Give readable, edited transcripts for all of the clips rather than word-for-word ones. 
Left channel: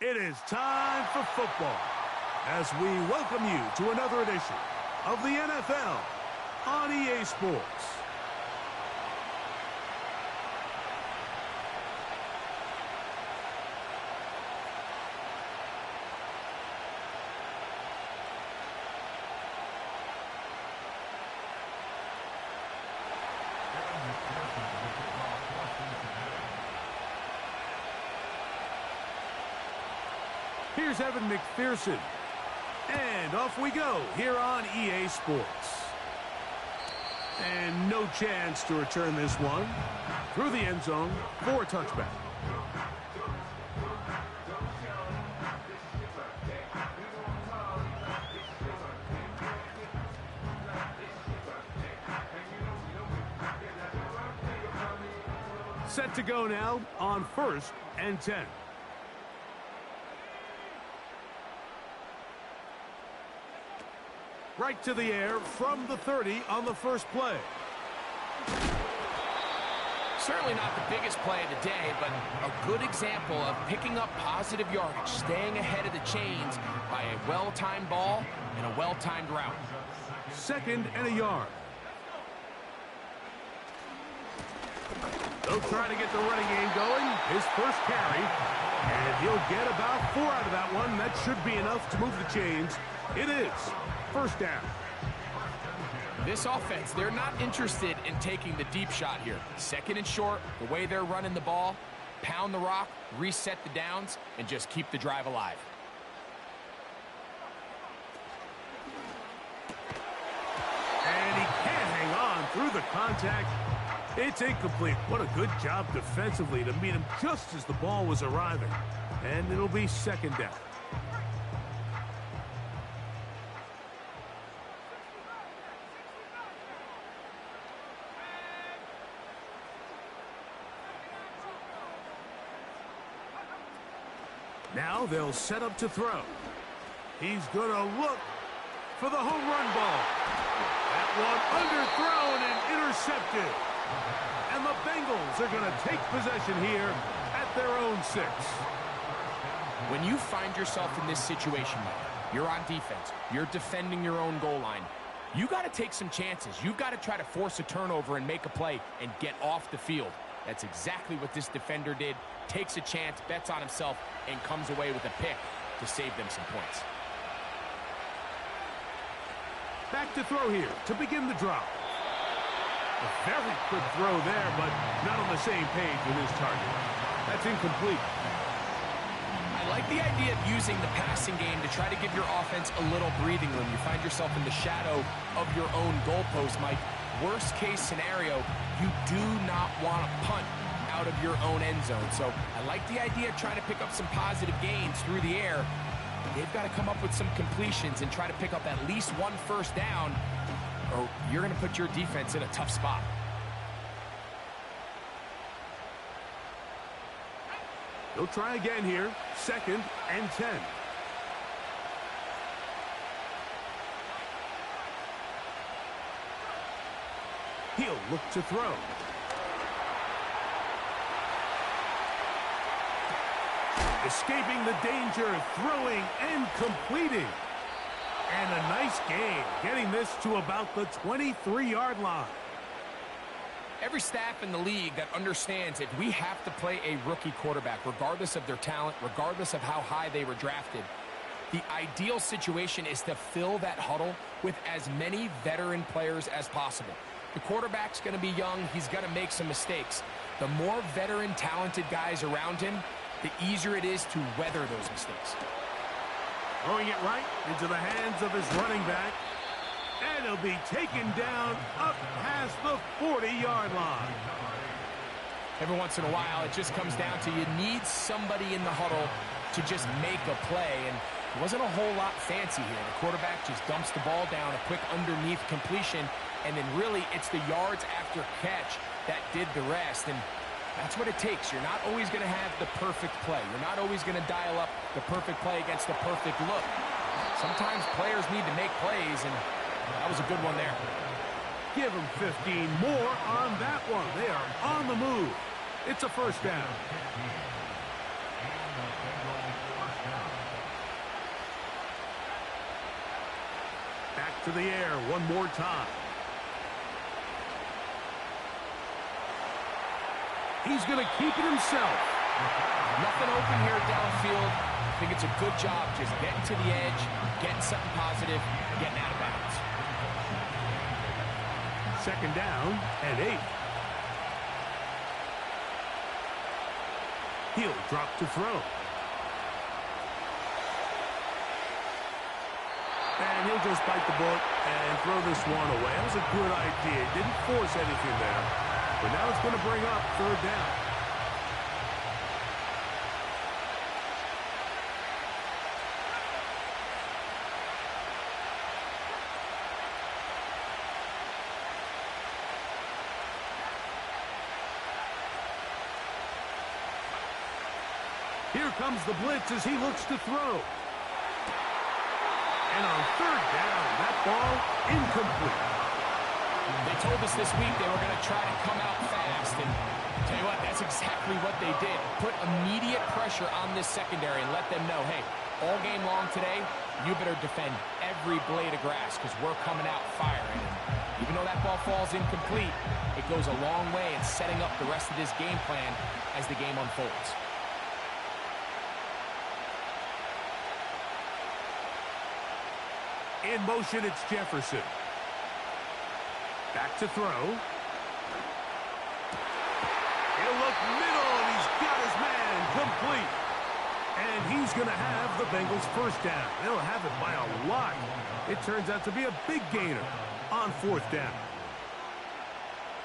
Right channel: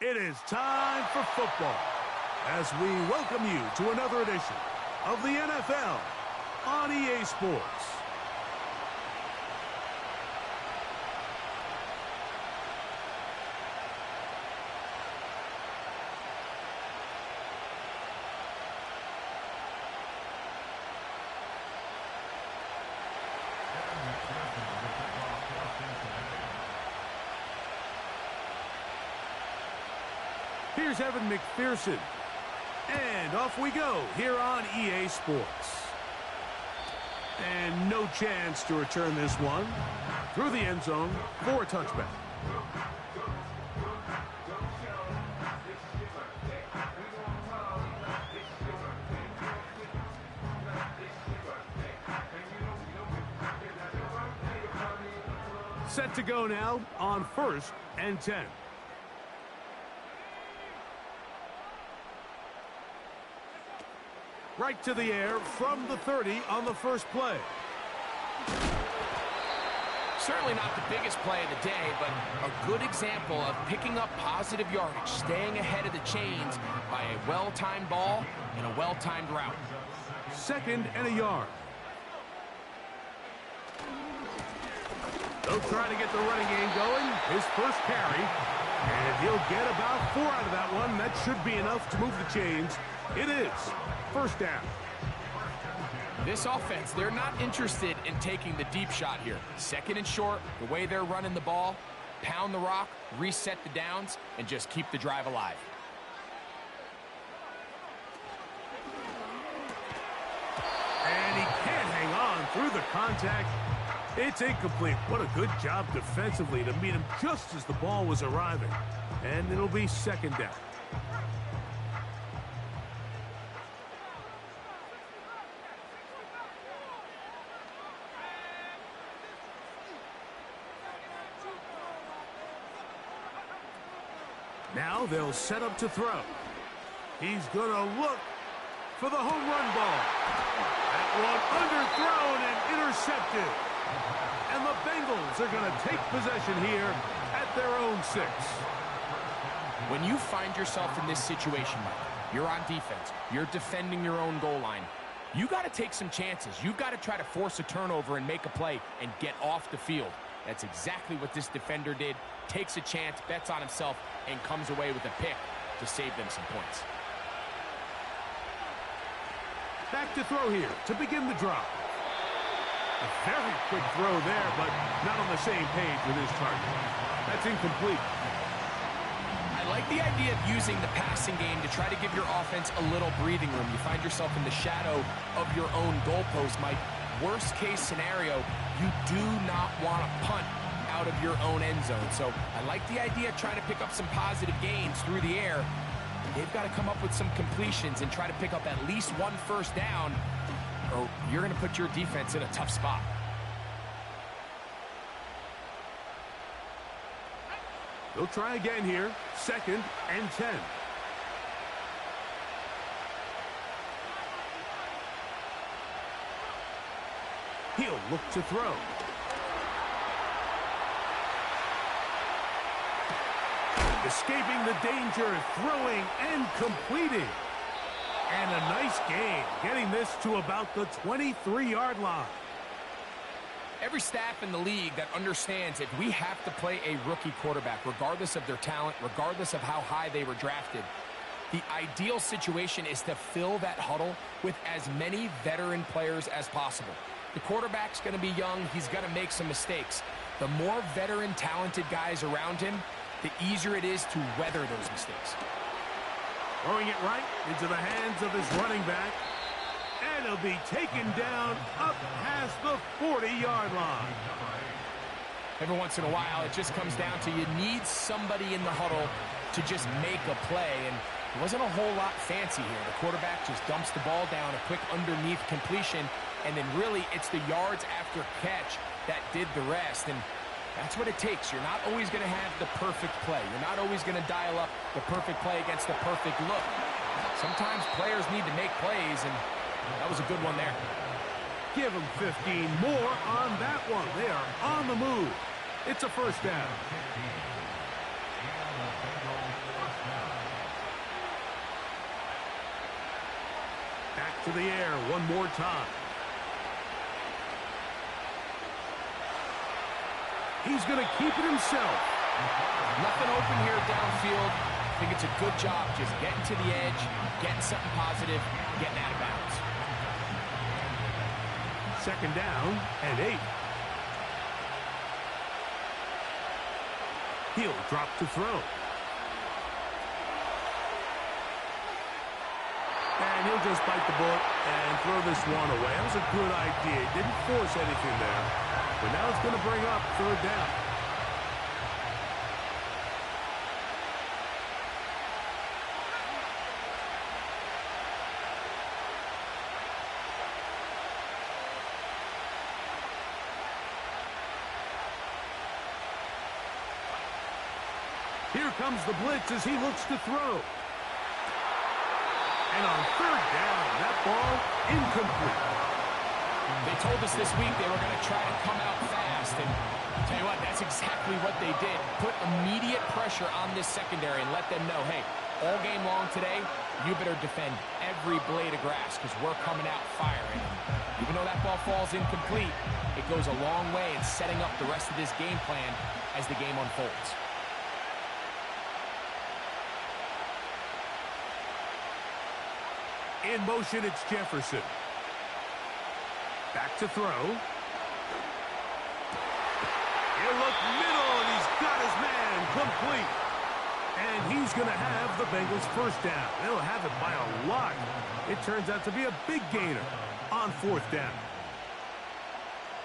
It is time for football as we welcome you to another edition of the NFL on EA Sports. Here's Evan McPherson. And off we go here on EA Sports. And no chance to return this one through the end zone for a touchback. Set to go now on 1st and 10. Right to the air from the 30 on the first play. Certainly not the biggest play of the day, but a good example of picking up positive yardage, staying ahead of the chains by a well-timed ball and a well-timed route. 2nd and a yard. They'll try to get the running game going. His first carry, and he'll get about 4 out of that one. That should be enough to move the chains. It is 1st down. This offense, they're not interested in taking the deep shot here. 2nd and short, the way they're running the ball, pound the rock, reset the downs, and just keep the drive alive. And he can't hang on through the contact. It's incomplete. What a good job defensively to meet him just as the ball was arriving. And it'll be 2nd down. Now they'll set up to throw. He's going to look for the home run ball. That one underthrown and intercepted. And the Bengals are going to take possession here at their own 6. When you find yourself in this situation, Mike, you're on defense, you're defending your own goal line, you got to take some chances. You've got to try to force a turnover and make a play and get off the field. That's exactly what this defender did. Takes a chance, bets on himself, and comes away with a pick to save them some points. Back to throw here to begin the drop. A very quick throw there, but not on the same page with his target. That's incomplete. I like the idea of using the passing game to try to give your offense a little breathing room. You find yourself in the shadow of your own goalpost, Mike. Worst case scenario, you do not want to punt out of your own end zone. So I like the idea of trying to pick up some positive gains through the air. They've got to come up with some completions and try to pick up at least 1 first down, or you're going to put your defense in a tough spot. They'll try again here. 2nd and 10. He'll look to throw. Escaping the danger, throwing and completing. And a nice gain, getting this to about the 23-yard line. Every staff in the league that understands if we have to play a rookie quarterback, regardless of their talent, regardless of how high they were drafted, the ideal situation is to fill that huddle with as many veteran players as possible. The quarterback's going to be young. He's going to make some mistakes. The more veteran, talented guys around him, the easier it is to weather those mistakes. Throwing it right into the hands of his running back. And he'll be taken down up past the 40-yard line. Every once in a while, it just comes down to you need somebody in the huddle to just make a play. And it wasn't a whole lot fancy here. The quarterback just dumps the ball down, a quick underneath completion, and then really it's the yards after catch that did the rest. And that's what it takes. You're not always going to have the perfect play. You're not always going to dial up the perfect play against the perfect look. Sometimes players need to make plays, and that was a good one there. Give them 15 more on that one. They are on the move. It's a 1st down. Back to the air one more time. He's going to keep it himself. Nothing open here downfield. I think it's a good job just getting to the edge, getting something positive, getting out of bounds. Second down and 8. He'll drop to throw. And he'll just bite the bullet and throw this one away. That was a good idea. He didn't force anything there. But now it's going to bring up third down. Here comes the blitz as he looks to throw. And on third down, that ball incomplete. They told us this week they were going to try to come out fast, and tell you what, that's exactly what they did. Put immediate pressure on this secondary and let them know, hey, all game long today, you better defend every blade of grass because we're coming out firing. And even though that ball falls incomplete, it goes a long way in setting up the rest of this game plan as the game unfolds. In motion, it's Jefferson. Back to throw. He'll look middle, and he's got his man complete. And he's going to have the Bengals first down. They'll have it by a lot. It turns out to be a big gainer on fourth down.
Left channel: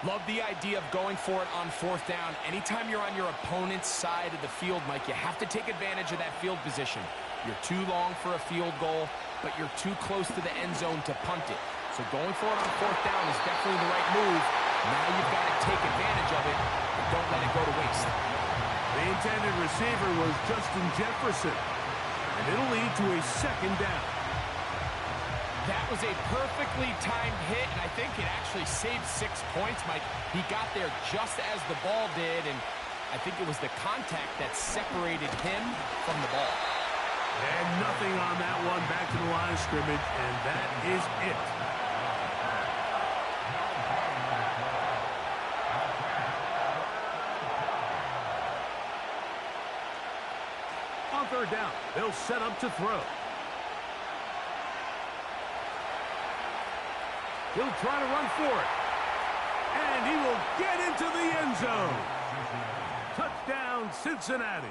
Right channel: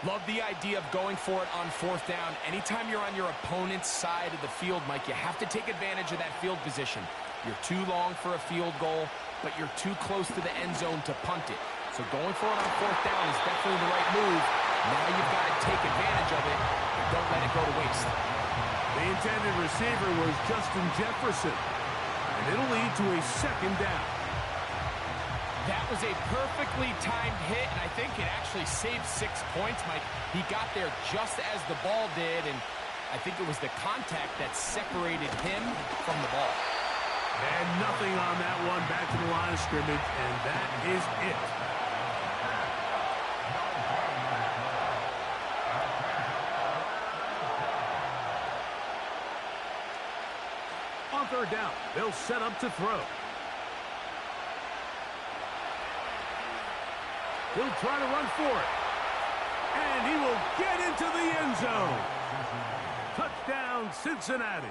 Love the idea of going for it on fourth down. Anytime you're on your opponent's side of the field, Mike, you have to take advantage of that field position. You're too long for a field goal, but you're too close to the end zone to punt it. So going for it on fourth down is definitely the right move. Now you've got to take advantage of it, and don't let it go to waste. The intended receiver was Justin Jefferson, and it'll lead to a second down. That was a perfectly timed hit, and I think it actually saved 6 points, Mike. He got there just as the ball did, and I think it was the contact that separated him from the ball. And nothing on that one, back to the line of scrimmage, and that is it. On third down, they'll set up to throw. He'll try to run for it. And he will get into the end zone. Touchdown, Cincinnati.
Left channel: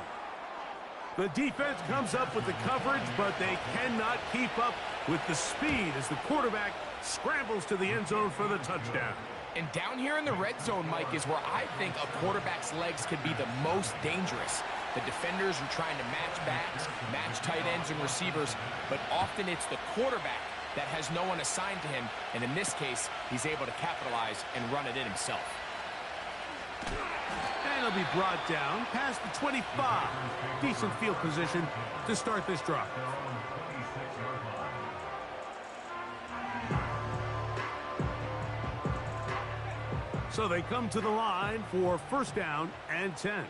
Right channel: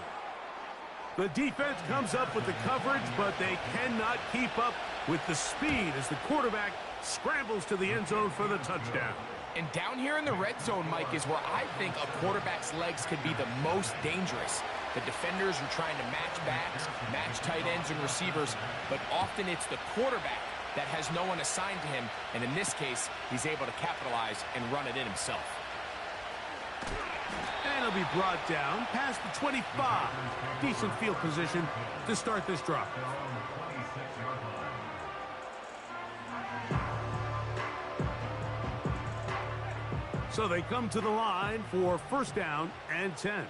The defense comes up with the coverage, but they cannot keep up with the speed as the quarterback scrambles to the end zone for the touchdown. And down here in the red zone, Mike, is where I think a quarterback's legs could be the most dangerous. The defenders are trying to match backs, match tight ends and receivers, but often it's the quarterback that has no one assigned to him, and in this case, he's able to capitalize and run it in himself. And he'll be brought down past the 25. Decent field position to start this drive. So they come to the line for first down and 10.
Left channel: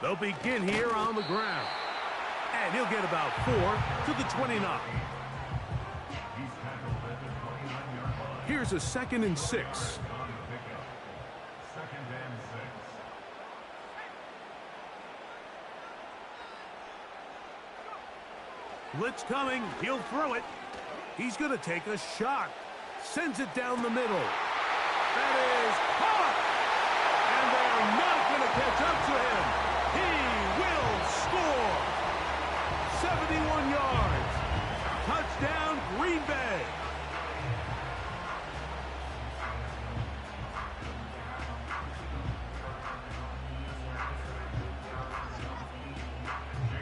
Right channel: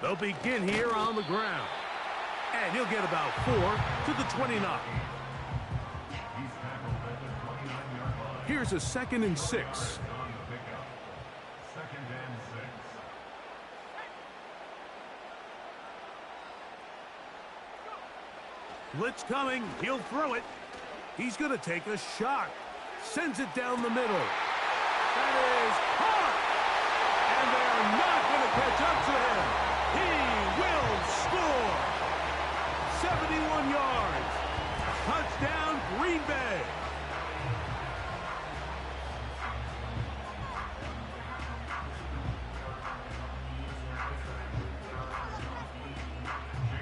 They'll begin here on the ground. And he'll get about 4 to the 29. Here's a 2nd and 6. Blitz coming. He'll throw it. He's going to take a shot. Sends it down the middle. That is caught. And they are not going to catch up to him. He will score. 71 yards. Touchdown, Green Bay.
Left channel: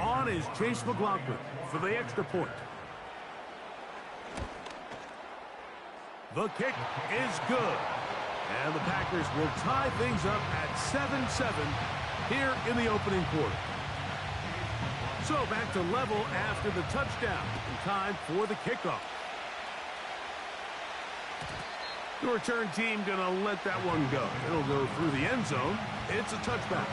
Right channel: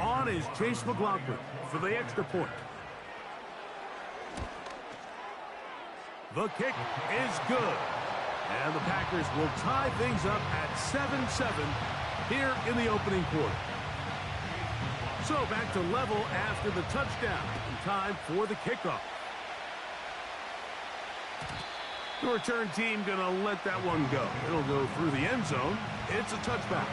On is Chase McLaughlin for the extra point. The kick is good. And the Packers will tie things up at 7-7 here in the opening quarter. So back to level after the touchdown. In time for the kickoff. The return team going to let that one go. It'll go through the end zone. It's a touchback.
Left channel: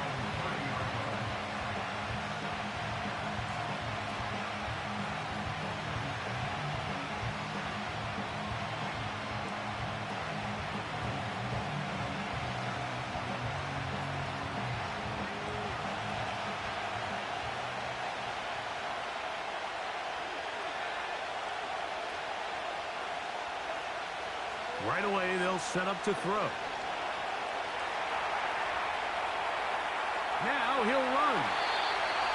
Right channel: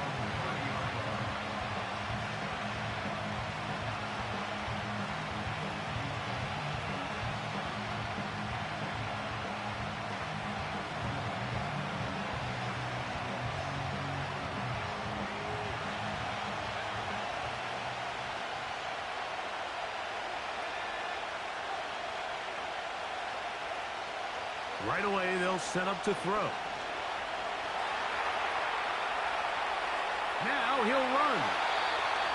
Right away, they'll set up to throw. Now he'll run.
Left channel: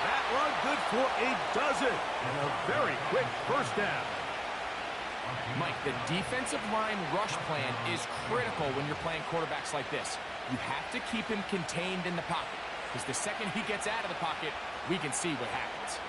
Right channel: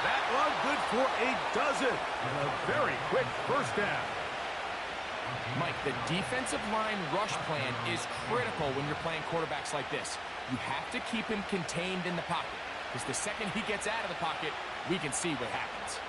That one good for a dozen. And a very quick first down. Mike, the defensive line rush plan is critical when you're playing quarterbacks like this. You have to keep him contained in the pocket, because the second he gets out of the pocket, we can see what happens.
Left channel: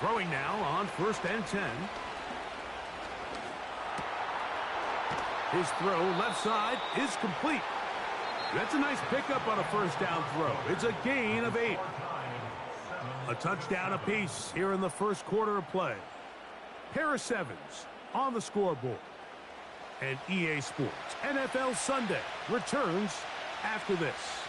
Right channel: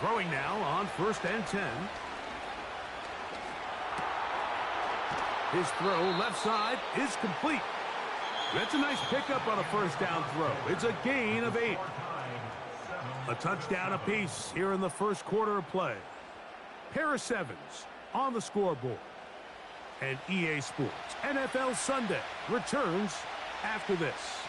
Throwing now on 1st and 10. His throw left side is complete. That's a nice pickup on a first down throw. It's a gain of 8. A touchdown apiece here in the first quarter of play. Pair of 7s on the scoreboard. And EA Sports NFL Sunday returns after this.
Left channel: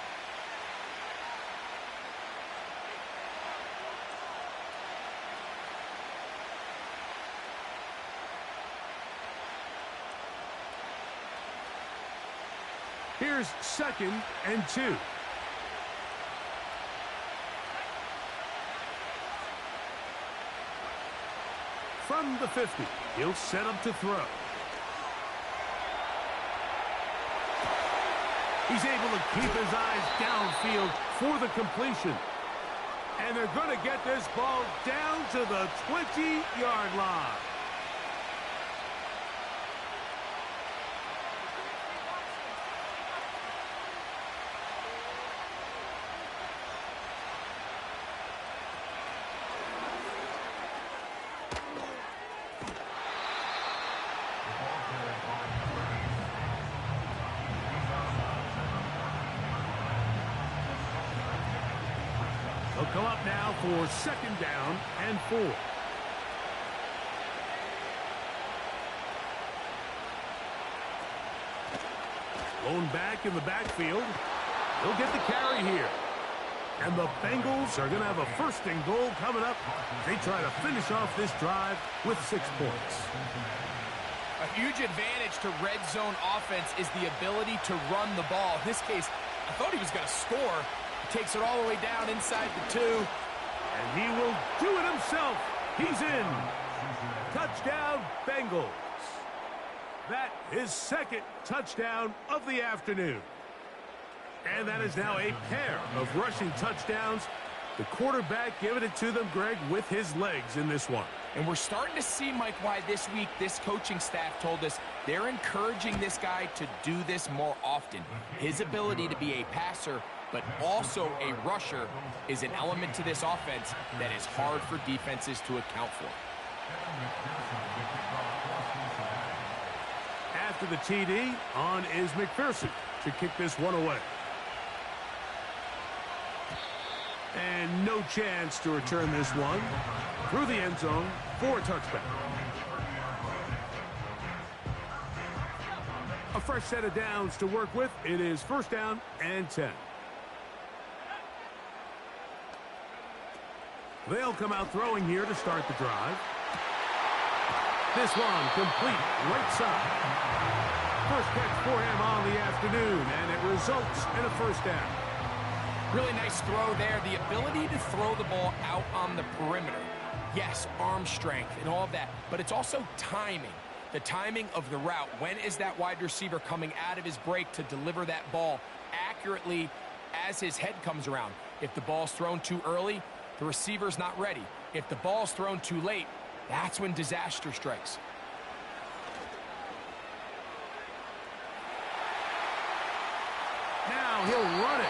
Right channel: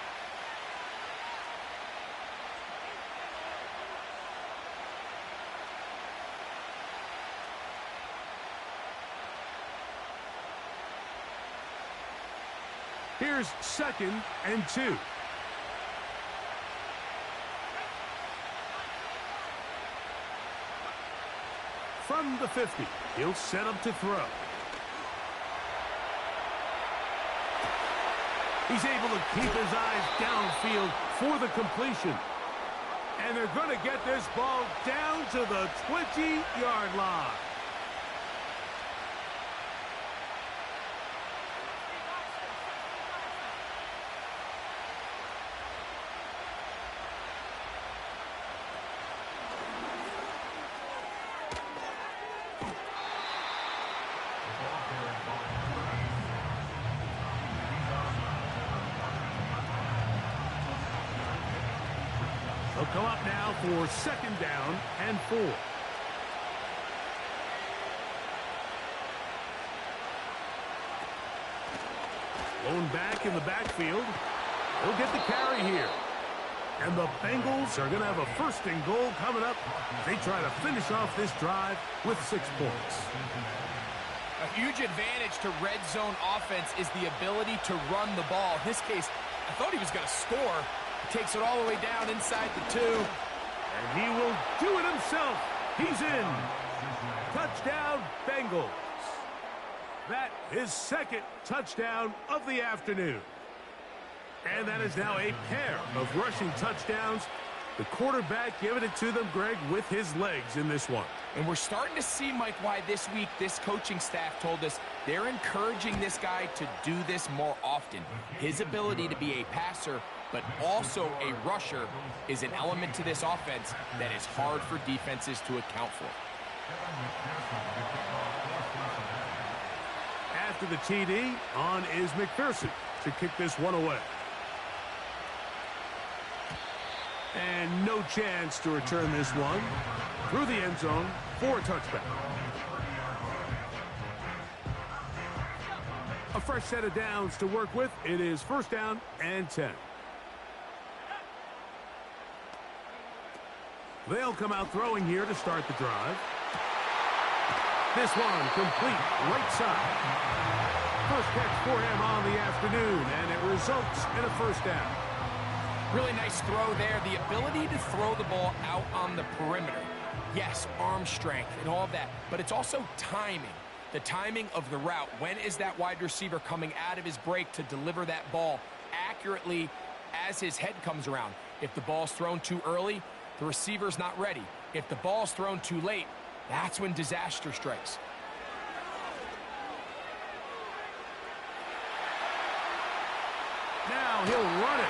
Here's 2nd and 2. From the 50, he'll set up to throw. He's able to keep his eyes downfield for the completion. And they're going to get this ball down to the 20-yard line. They'll come up now for 2nd down and 4. Blown back in the backfield. He'll get the carry here. And the Bengals are going to have a 1st and goal coming up. They try to finish off this drive with 6 points. A huge advantage to red zone offense is the ability to run the ball. In this case, I thought he was going to score. He takes it all the way down inside the 2. And he will do it himself. He's in. Touchdown, Bengals. That is 2nd touchdown of the afternoon. And that is now a pair of rushing touchdowns. The quarterback giving it to them, Greg, with his legs in this one. And we're starting to see, Mike, why this week this coaching staff told us they're encouraging this guy to do this more often. His ability to be a passer, but also a rusher, is an element to this offense that is hard for defenses to account for. After the TD, on is McPherson to kick this one away. And no chance to return this one through the end zone for a touchback. A fresh set of downs to work with. It is 1st down and 10. They'll come out throwing here to start the drive. This one complete right side. First catch for him on the afternoon, and it results in a 1st down. Really nice throw there. The ability to throw the ball out on the perimeter. Yes, arm strength and all of that, but it's also timing. The timing of the route. When is that wide receiver coming out of his break to deliver that ball accurately as his head comes around? If the ball's thrown too early, the receiver's not ready. If the ball's thrown too late, that's when disaster strikes. Now he'll run it.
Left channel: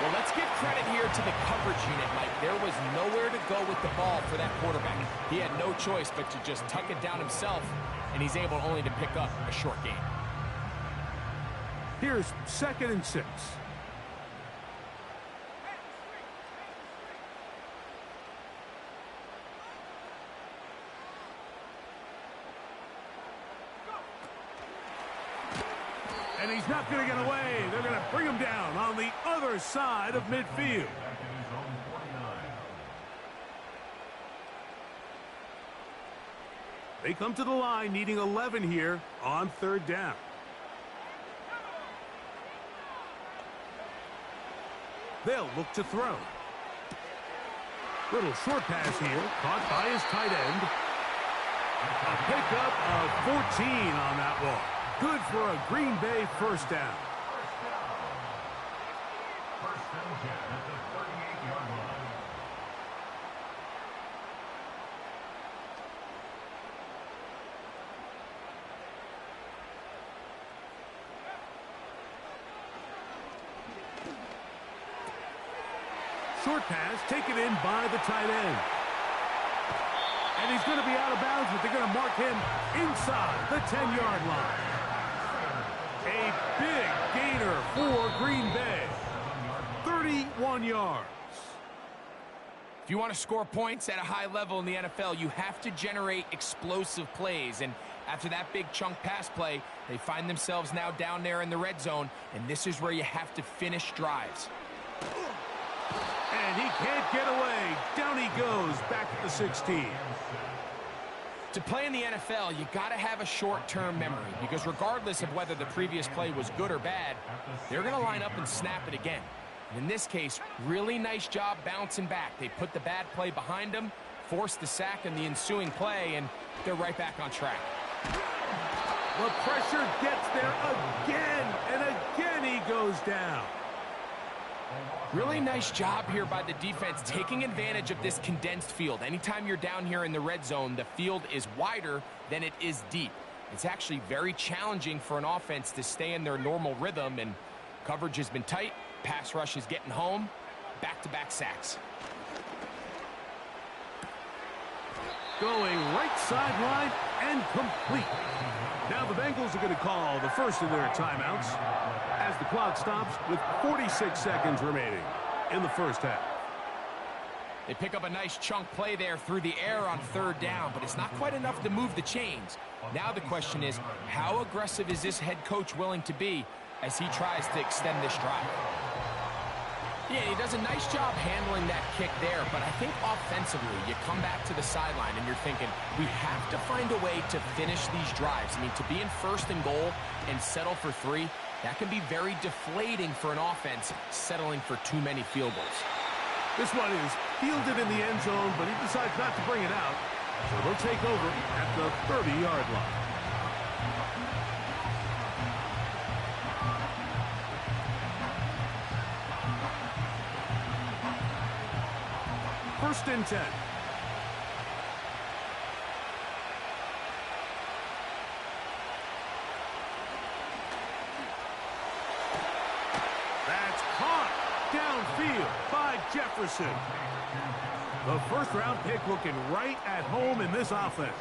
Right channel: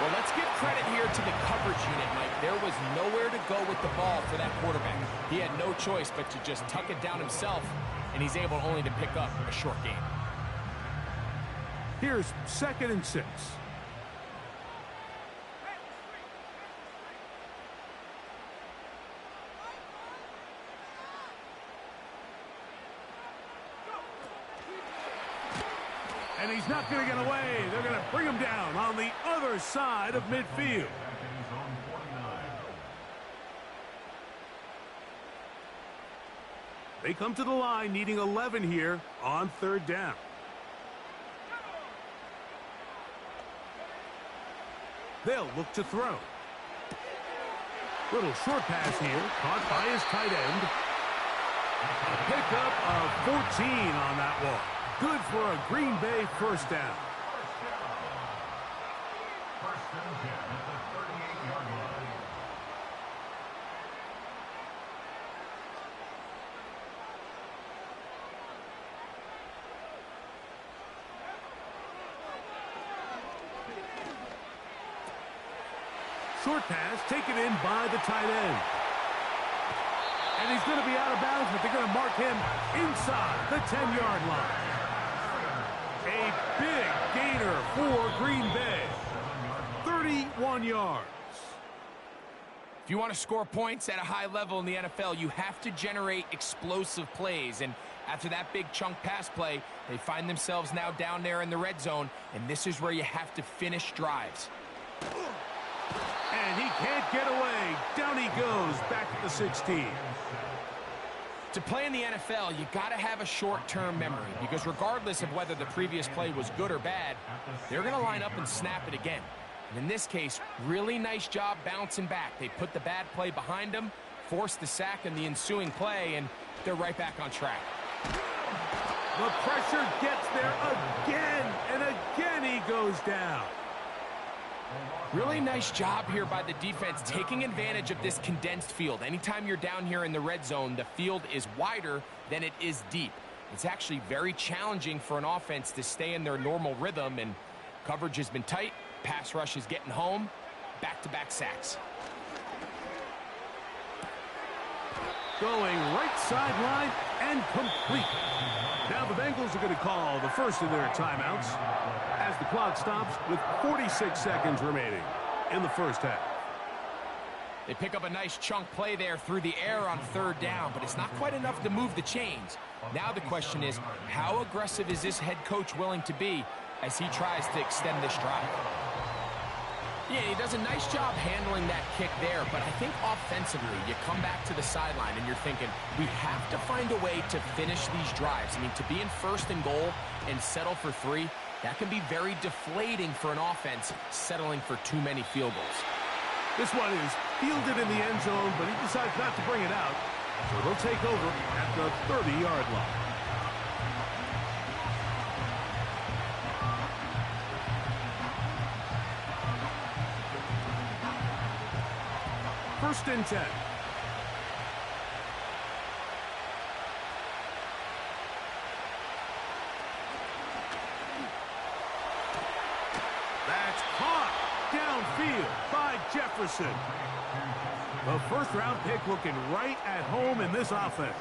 Well, let's give credit here to the coverage unit, Mike. There was nowhere to go with the ball for that quarterback. He had no choice but to just tuck it down himself, and he's able only to pick up a short gain. Here's 2nd and 6. And he's not going to get away. They're going to bring him down on the other side of midfield. They come to the line needing 11 here on 3rd down. They'll look to throw. Little short pass here, caught by his tight end. A pickup of 14 on that one. Good for a Green Bay 1st down. First and 10 at the 38-yard line. Short pass taken in by the tight end. And he's going to be out of bounds, but they're going to mark him inside the 10-yard line. A big gainer for Green Bay. 31 yards. If you want to score points at a high level in the NFL, you have to generate explosive plays. And after that big chunk pass play, they find themselves now down there in the red zone, and this is where you have to finish drives. And he can't get away. Down he goes, back at the 16. To play in the NFL, you got to have a short-term memory, because regardless of whether the previous play was good or bad, they're going to line up and snap it again. And in this case, really nice job bouncing back. They put the bad play behind them, forced the sack in the ensuing play, and they're right back on track. The pressure gets there again, and again he goes down. Really nice job here by the defense, taking advantage of this condensed field. Anytime you're down here in the red zone, the field is wider than it is deep. It's actually very challenging for an offense to stay in their normal rhythm, and coverage has been tight. Pass rush is getting home. Back-to-back sacks. Going right sideline and complete. Now the Bengals are going to call the first of their timeouts as the clock stops with 46 seconds remaining in the first half. They pick up a nice chunk play there through the air on 3rd down, but it's not quite enough to move the chains. Now the question is, how aggressive is this head coach willing to be as he tries to extend this drive? Yeah, he does a nice job handling that kick there, but I think offensively, you come back to the sideline and you're thinking, we have to find a way to finish these drives. I mean, to be in 1st and goal and settle for 3, that can be very deflating for an offense settling for too many field goals. This one is fielded in the end zone, but he decides not to bring it out, so they'll take over at the 30-yard line. First and 10. That's caught downfield by Jefferson. The first-round pick looking right at home in this offense.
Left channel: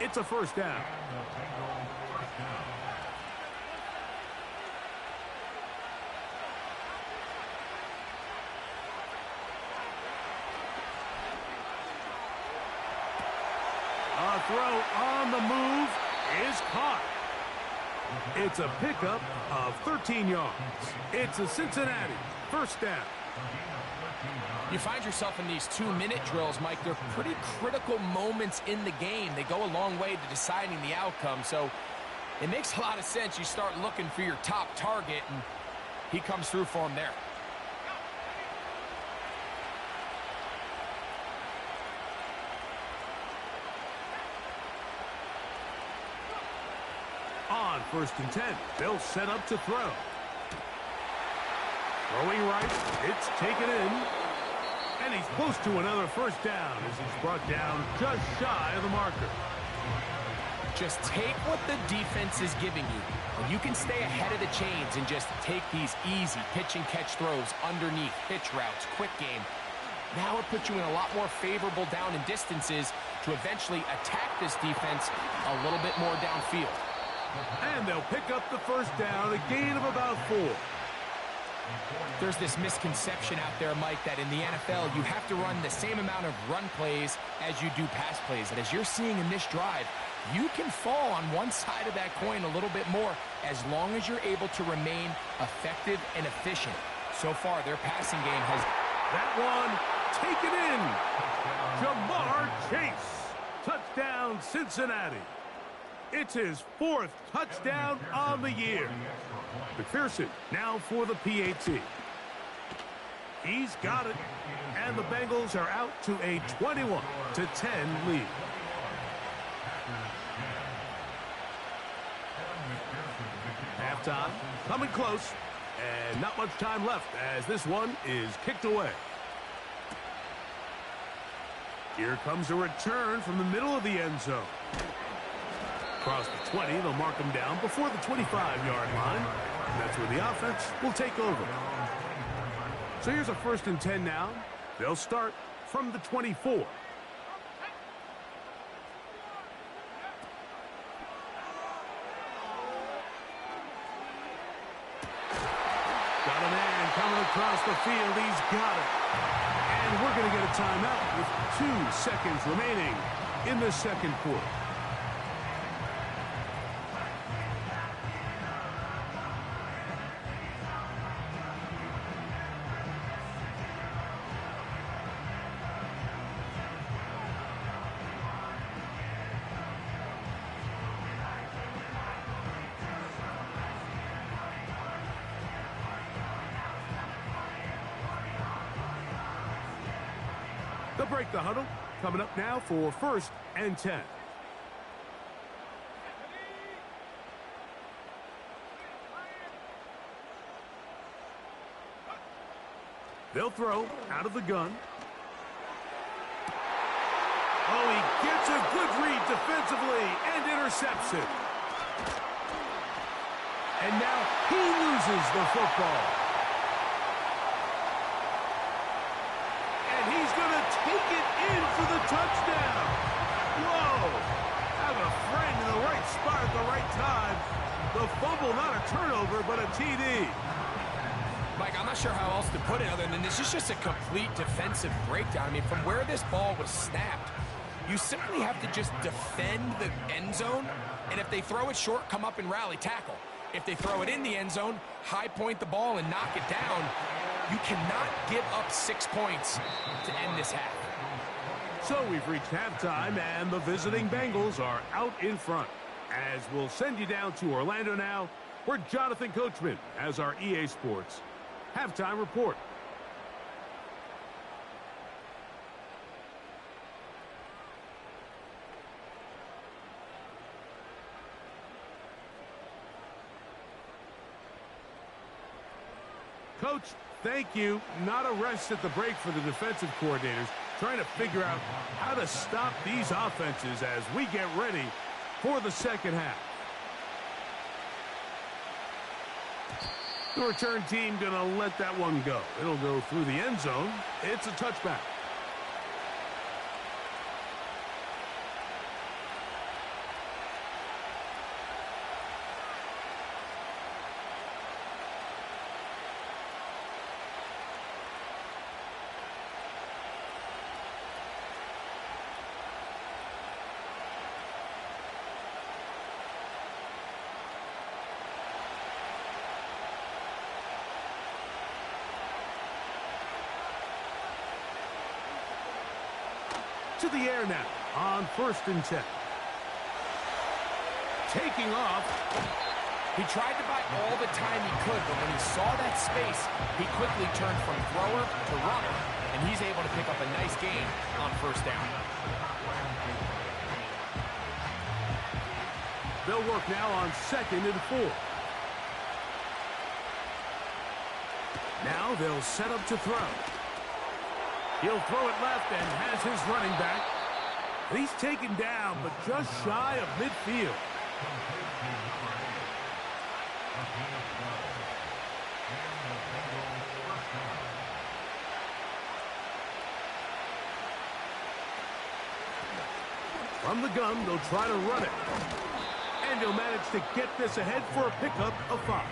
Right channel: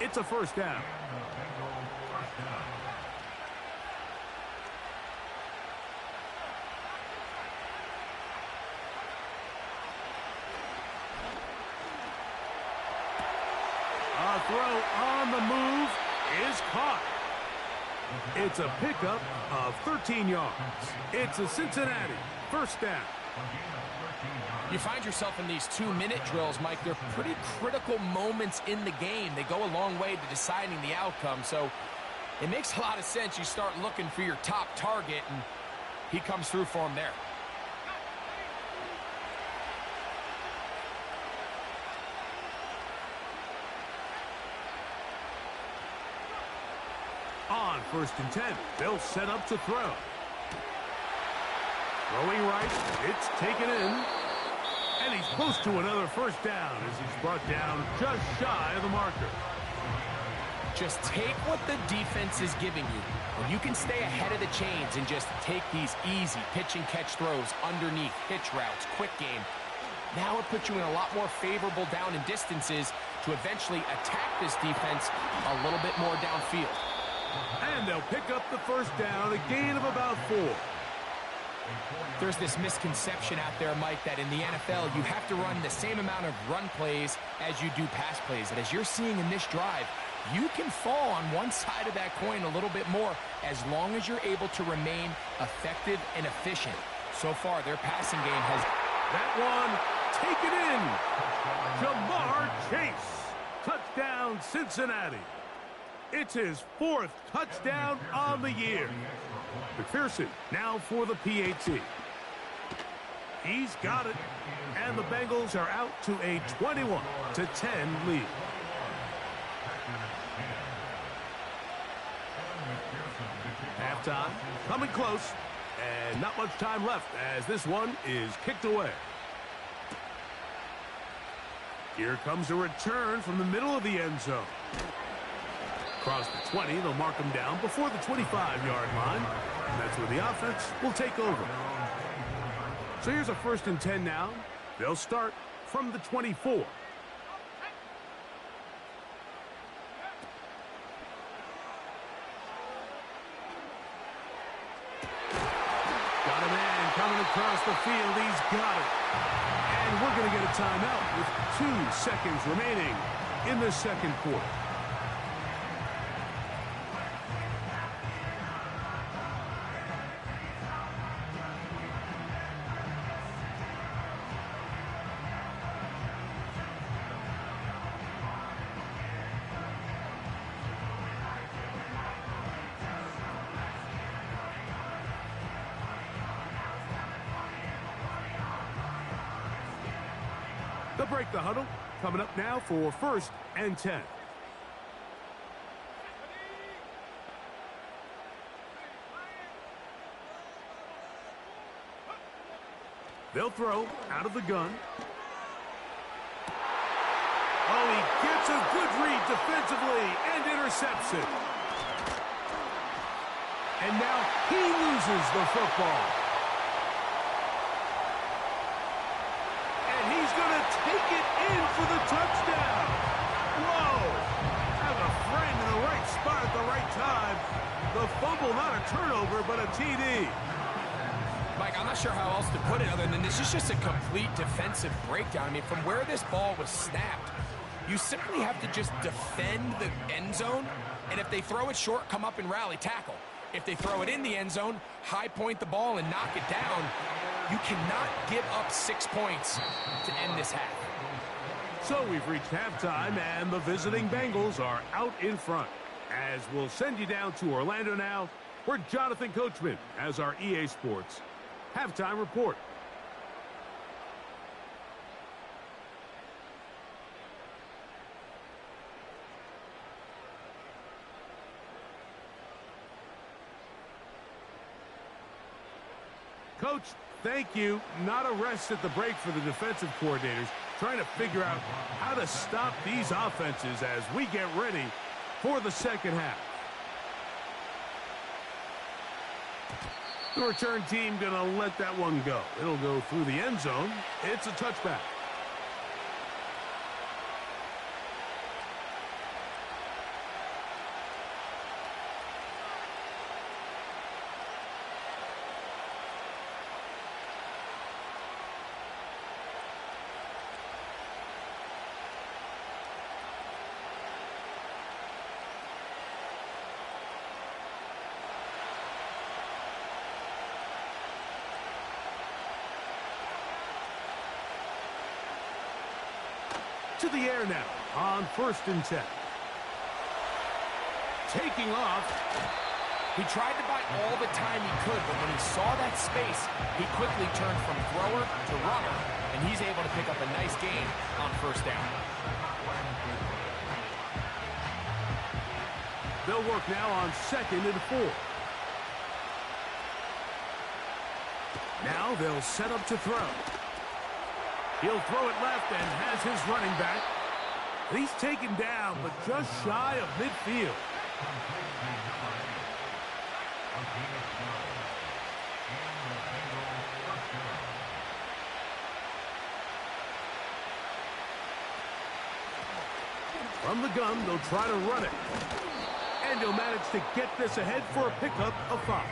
It's a 1st down. A throw on the move is caught. It's a pickup of 13 yards. It's a Cincinnati 1st down. You find yourself in these 2-minute drills, Mike. They're pretty critical moments in the game. They go a long way to deciding the outcome, so it makes a lot of sense. You start looking for your top target, and he comes through for him there. On 1st and 10, they'll set up to throw. Throwing right, it's taken in. And he's close to another 1st down as he's brought down just shy of the marker. Just take what the defense is giving you. When you can stay ahead of the chains and just take these easy pitch and catch throws underneath, hitch routes, quick game, now it puts you in a lot more favorable down and distances to eventually attack this defense a little bit more downfield. And they'll pick up the first down, a gain of about 4. There's this misconception out there, Mike, that in the NFL you have to run the same amount of run plays as you do pass plays. And as you're seeing in this drive, you can fall on one side of that coin a little bit more as long as you're able to remain effective and efficient. So far, their passing game has... That one taken in. Ja'Marr Chase. Touchdown, Cincinnati. It's his 4th touchdown on the year. McPherson now for the PAT. He's got it. And the Bengals are out to a 21-10 lead. Halftime coming close. And not much time left as this one is kicked away. Here comes a return from the middle of the end zone. Across the 20, they'll mark him down before the 25-yard line. And that's where the offense will take over. So here's a 1st and 10 now. They'll start from the 24. Got a man coming across the field. He's got it. And we're going to get a timeout with 2 seconds remaining in the second quarter. They'll break the huddle. Coming up now for 1st and 10. They'll throw out of the gun. Oh, he gets a good read defensively and intercepts it. And now he loses the football. He's going to take it in for the touchdown. Whoa. Have a friend in the right spot at the right time. The fumble, not a turnover, but a TD. Mike, I'm not sure how else to put it other than this is just a complete defensive breakdown. I mean, from where this ball was snapped, you simply have to just defend the end zone. And if they throw it short, come up and rally tackle. If they throw it in the end zone, high point the ball and knock it down. You cannot give up 6 points to end this half. So we've reached halftime, and the visiting Bengals are out in front. As we'll send you down to Orlando now, where Jonathan Coachman has our EA Sports halftime report. Coach, thank you. Not a rest at the break for the defensive coordinators, trying to figure out how to stop these offenses as we get ready for the second half. The return team going to let that one go. It'll go through the end zone. It's a touchback. To the air now on 1st and 10. Taking off. He tried to buy all the time he could, but when he saw that space, he quickly turned from thrower to runner, and he's able to pick up a nice gain on 1st down. They'll work now on 2nd and 4. Now they'll set up to throw. He'll throw it left and has his running back. He's taken down, but just shy of midfield. From the gun, they'll try to run it. And he'll manage to get this ahead for a pickup of 5.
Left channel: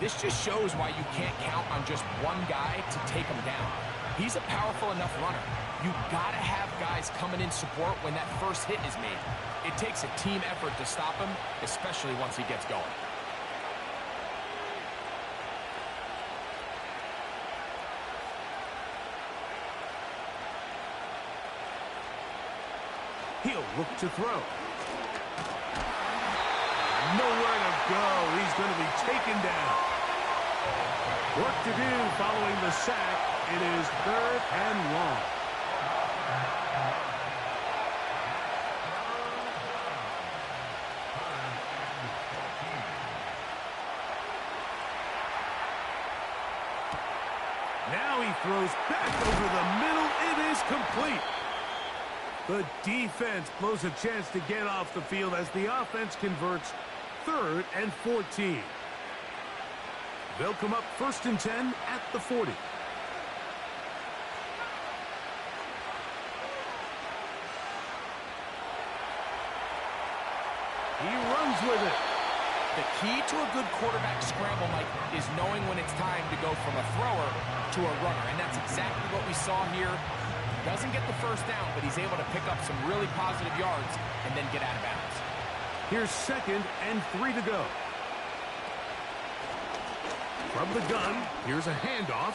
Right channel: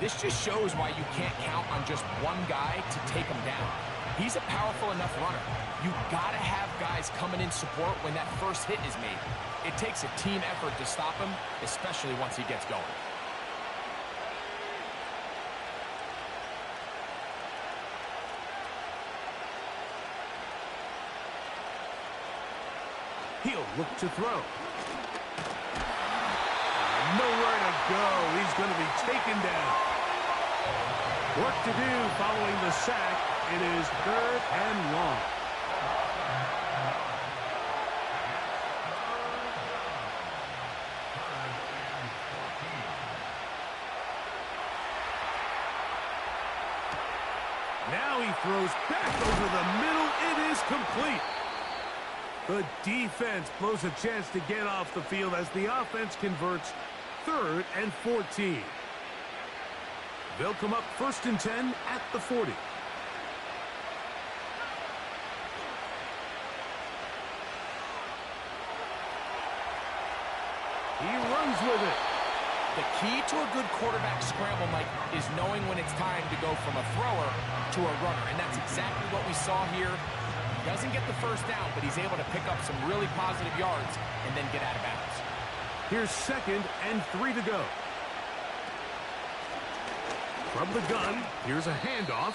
This just shows why you can't count on just one guy to take him down. He's a powerful enough runner. You gotta have guys coming in support when that first hit is made. It takes a team effort to stop him, especially once he gets going. He'll look to throw. Nowhere to go. He's going to be taken down. Work to do following the sack. It is 3rd and long. Now he throws back over the middle. It is complete. The defense blows a chance to get off the field as the offense converts 3rd and 14. They'll come up 1st and 10 at the 40. He runs with it. The key to a good quarterback scramble, Mike, is knowing when it's time to go from a thrower to a runner. And that's exactly what we saw here. He doesn't get the first down, but he's able to pick up some really positive yards and then get out of bounds. Here's 2nd and 3 to go. From the gun, here's a handoff.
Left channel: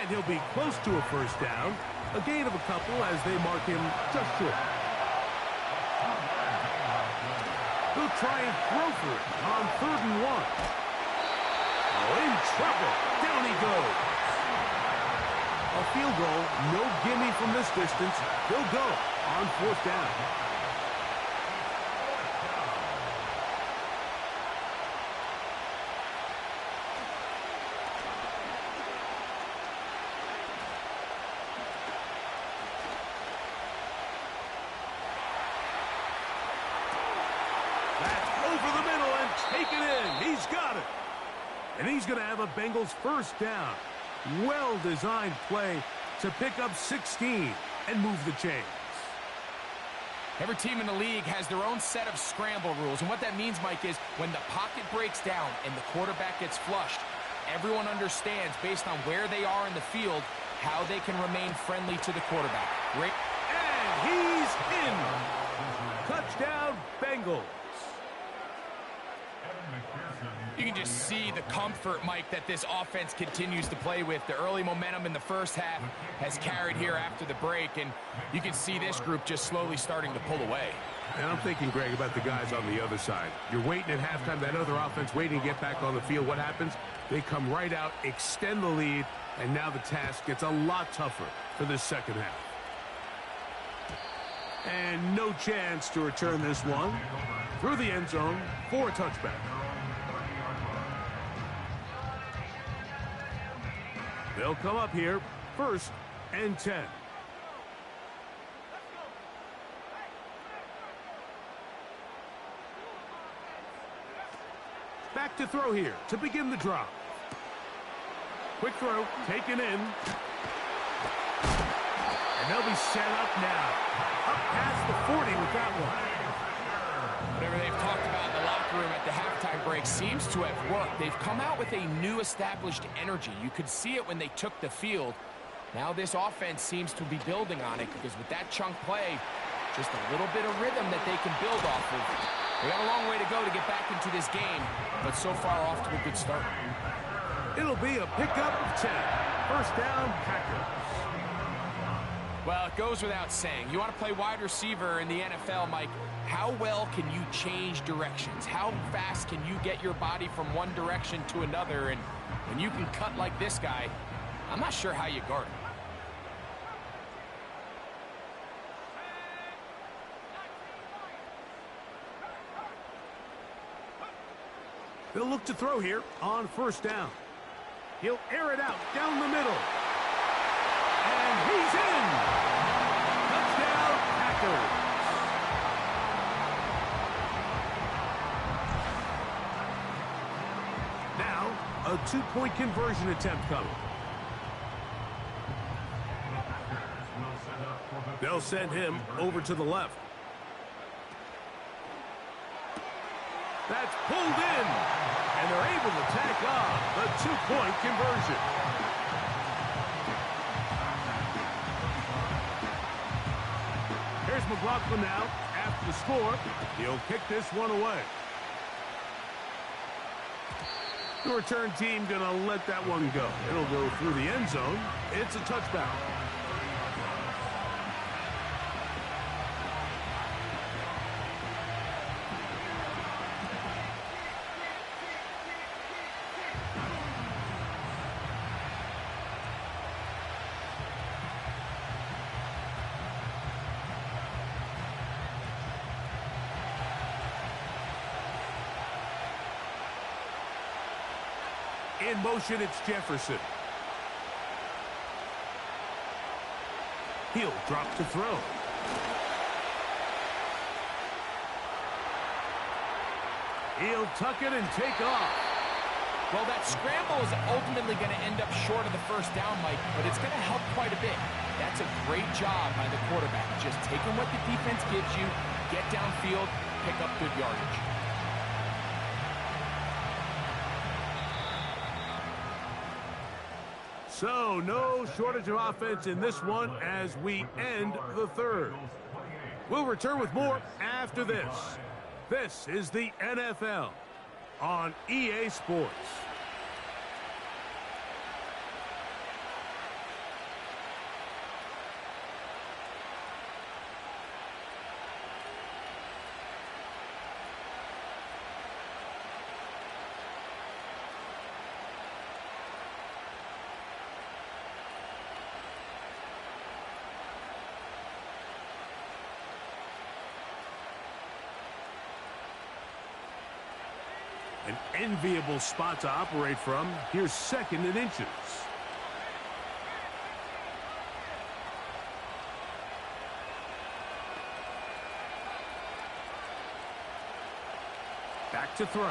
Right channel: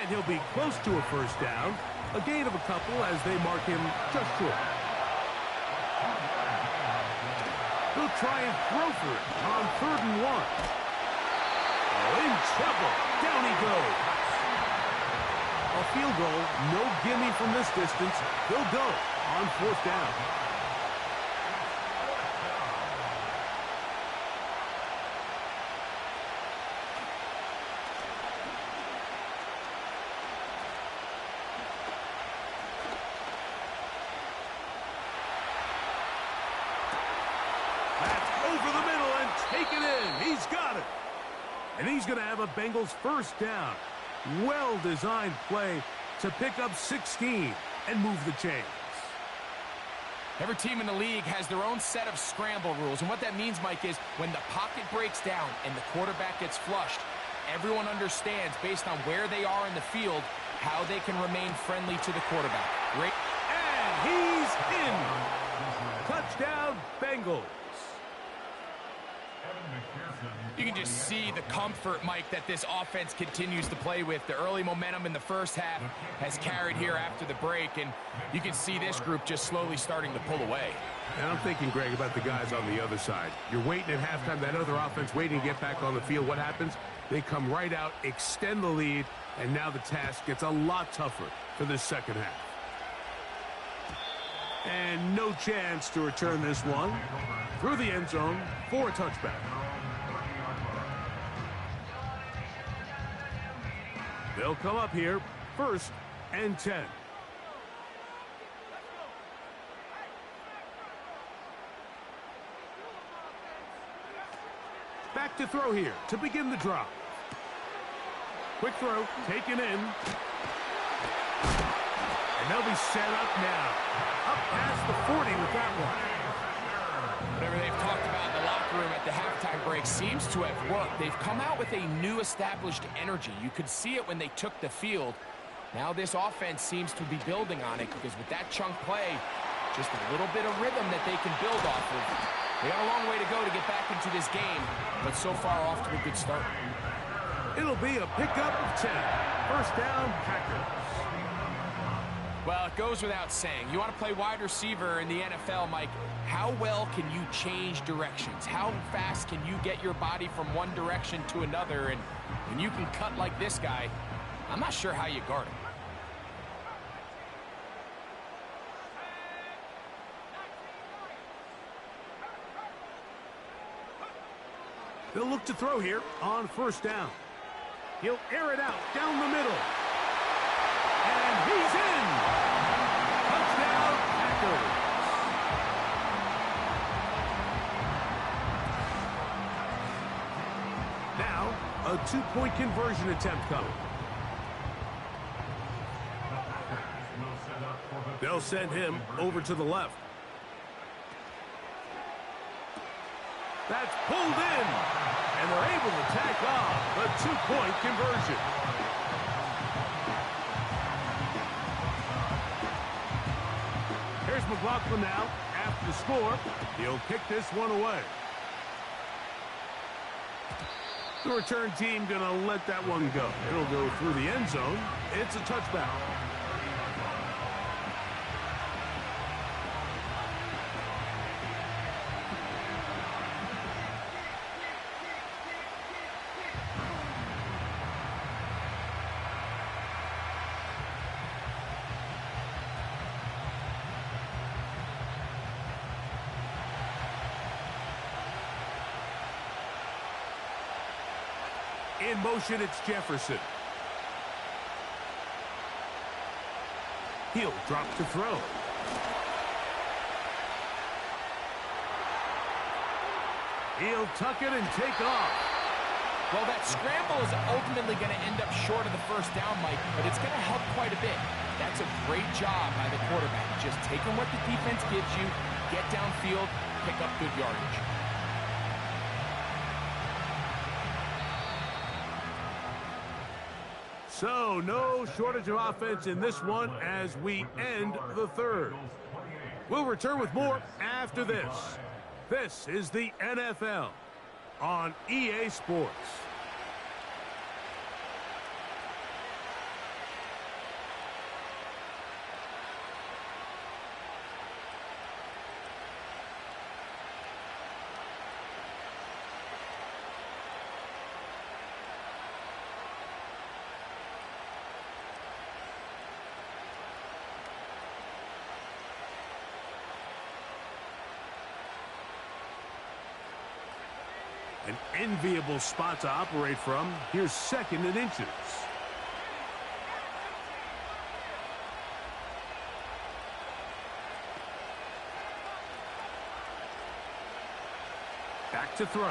And he'll be close to a first down. A gain of a couple as they mark him just short. He'll try and throw for it on 3rd and 1. Oh, in trouble. Down he goes. A field goal, no gimme from this distance. They'll go on 4th down. That's over the middle and taken in. He's got it. And he's going to have a Bengals first down. Well-designed play to pick up 16 and move the chains. Every team in the league has their own set of scramble rules. And what that means, Mike, is when the pocket breaks down and the quarterback gets flushed, everyone understands, based on where they are in the field, how they can remain friendly to the quarterback. Great. And he's in. Touchdown, Bengals. You can just see the comfort, Mike, that this offense continues to play with. The early momentum in the first half has carried here after the break, and you can see this group just slowly starting to pull away. And I'm thinking, Greg, about the guys on the other side. You're waiting at halftime, that other offense waiting to get back on the field. What happens? They come right out, extend the lead, and now the task gets a lot tougher for this second half. And no chance to return this one through the end zone for a touchback. They'll come up here, 1st and 10. Back to throw here to begin the drive. Quick throw, taken in. And they'll be set up now. Up past the 40 with that one. Whatever they've talked about in the locker room at the halftime break seems to have worked. They've come out with a new established energy. You could see it when they took the field. Now this offense seems to be building on it because with that chunk play, just a little bit of rhythm that they can build off of. They got a long way to go to get back into this game, but so far off to a good start. It'll be a pickup of 10. First down, Packers. Well, it goes without saying. You want to play wide receiver in the NFL, Mike, how well can you change directions? How fast can you get your body from one direction to another? And when you can cut like this guy, I'm not sure how you guard him. They'll look to throw here on 1st down. He'll air it out down the middle. And he's in. Touchdown, Packers. Now, a two-point conversion attempt coming. They'll send him over to the left. That's pulled in, and they're able to tack on the two-point conversion. Here's McLaughlin now after the score. He'll kick this one away. The return team going to let that one go. It'll go through the end zone. It's a touchback. In motion, it's Jefferson. He'll drop to throw. He'll tuck it and take off. Well, that scramble is ultimately going to end up short of the first down, Mike, but it's going to help quite a bit. That's a great job by the quarterback. Just taking what the defense gives you, get downfield, pick up good yardage. So, no shortage of offense in this one as we end the third. We'll return with more after this. This is the NFL on EA Sports. An enviable spot to operate from. Here's second and inches. Back to throw.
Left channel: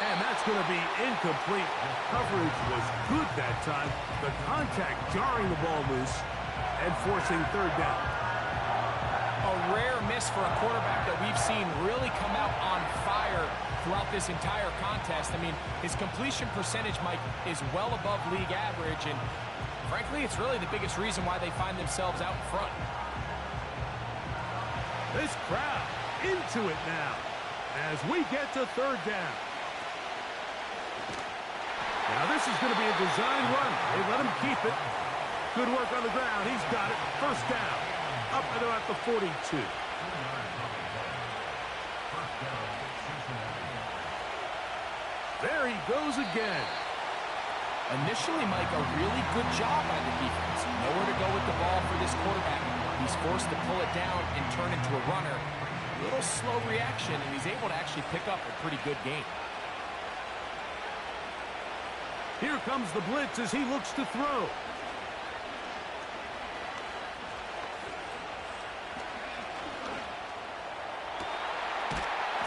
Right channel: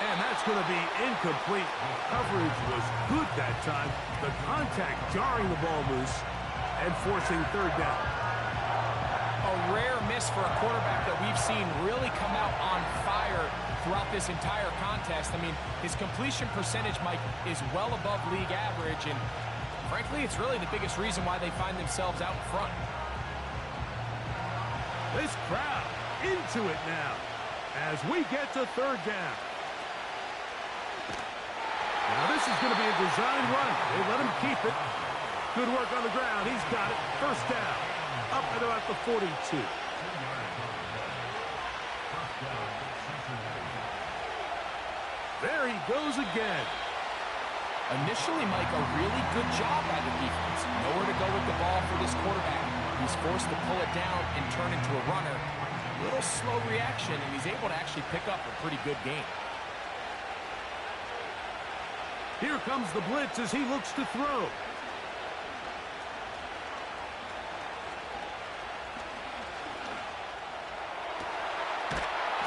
And that's going to be incomplete. Coverage was good that time. The contact jarring the ball loose and forcing third down. A rare miss for a quarterback that we've seen really come out on fire throughout this entire contest. I mean, his completion percentage, Mike, is well above league average, and frankly, it's really the biggest reason why they find themselves out in front. This crowd into it now as we get to third down. Now this is going to be a design run. They let him keep it. Good work on the ground. He's got it. First down. Up at about the 42. There he goes again. Initially, Mike, a really good job by the defense. Nowhere to go with the ball for this quarterback. He's forced to pull it down and turn into a runner. A little slow reaction, and he's able to actually pick up a pretty good gain. Here comes the blitz as he looks to throw.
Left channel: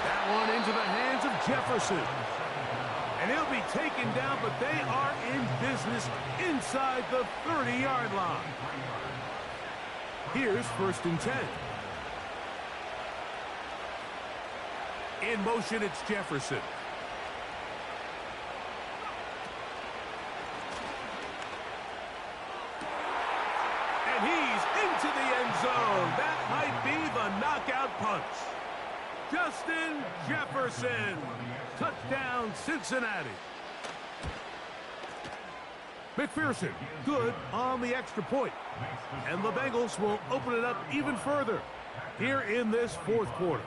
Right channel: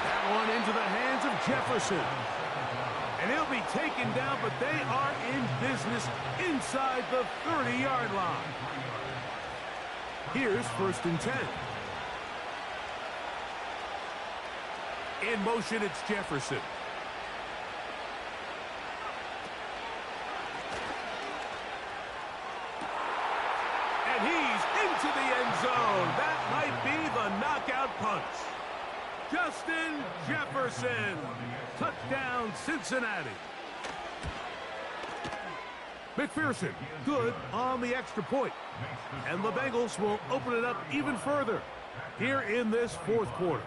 That one into the hands of Jefferson. And he'll be taken down, but they are in business inside the 30-yard line. Here's first and 10. In motion, it's Jefferson. And he's into the end zone. That might be the knockout punch. Justin Jefferson. Touchdown, Cincinnati. McPherson, good on the extra point. And the Bengals will open it up even further here in this fourth quarter.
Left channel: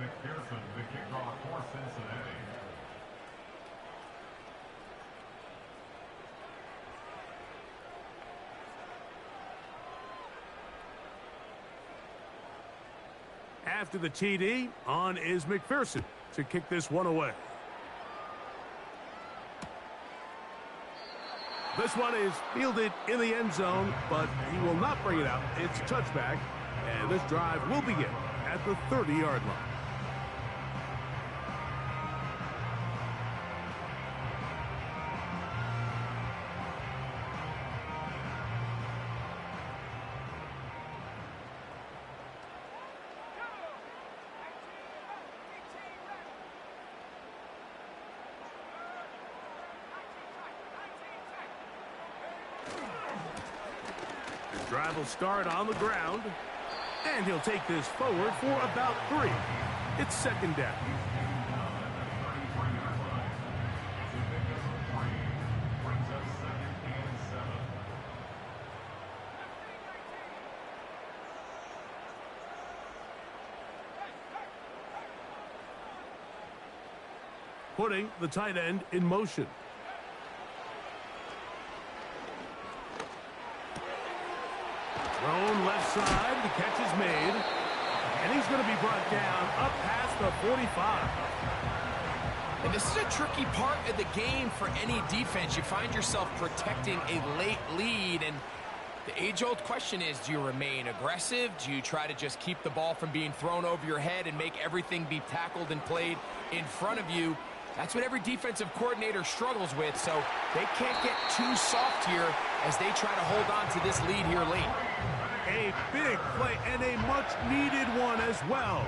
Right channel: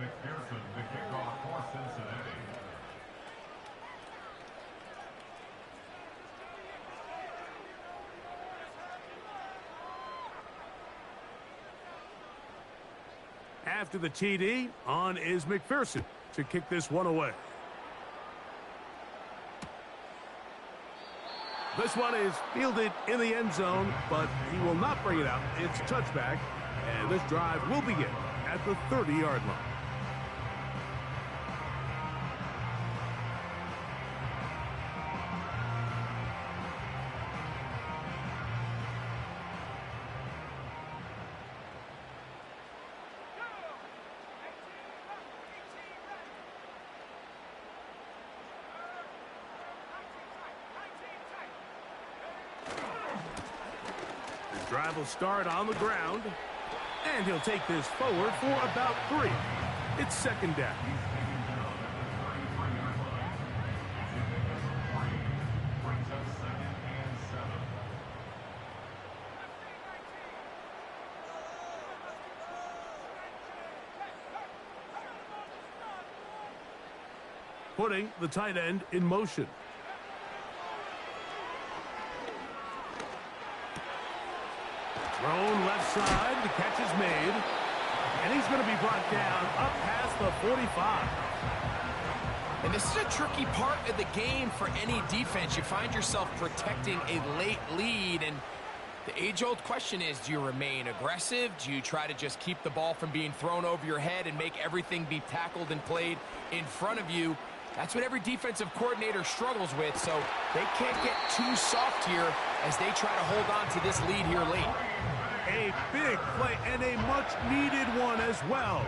McPherson, the kickoff for Cincinnati. After the TD, on is McPherson to kick this one away. This one is fielded in the end zone, but he will not bring it out. It's a touchback, and this drive will begin at the 30-yard line. Drive will start on the ground, and he'll take this forward for about 3. It's second down. Putting the tight end in motion. Thrown left side, the catch is made, and he's going to be brought down up past the 45. And this is a tricky part of the game for any defense. You find yourself protecting a late lead, and the age-old question is, do you remain aggressive? Do you try to just keep the ball from being thrown over your head and make everything be tackled and played in front of you? That's what every defensive coordinator struggles with, so they can't get too soft here as they try to hold on to this lead here late. A big play and a much-needed one as well.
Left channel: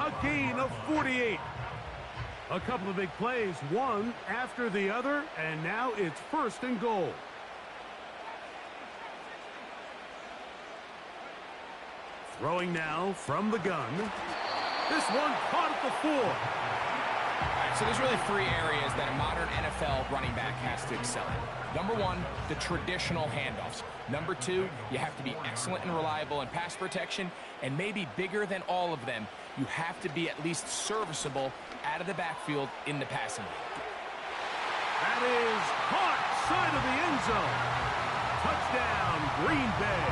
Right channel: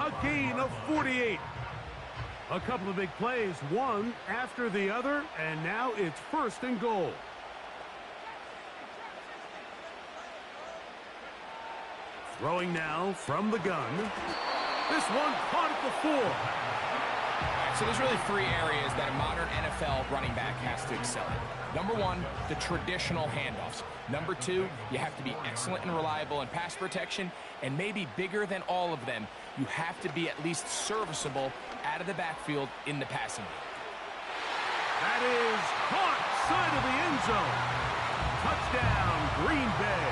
A gain of 48. A couple of big plays, one after the other, and now it's 1st and goal. Throwing now from the gun. This one caught at the 4. All right, so there's really 3 areas that a modern NFL running back has to excel in. Number 1, the traditional handoffs. Number 2, you have to be excellent and reliable in pass protection, and maybe bigger than all of them, you have to be at least serviceable out of the backfield in the passing game. That is caught side of the end zone. Touchdown, Green Bay.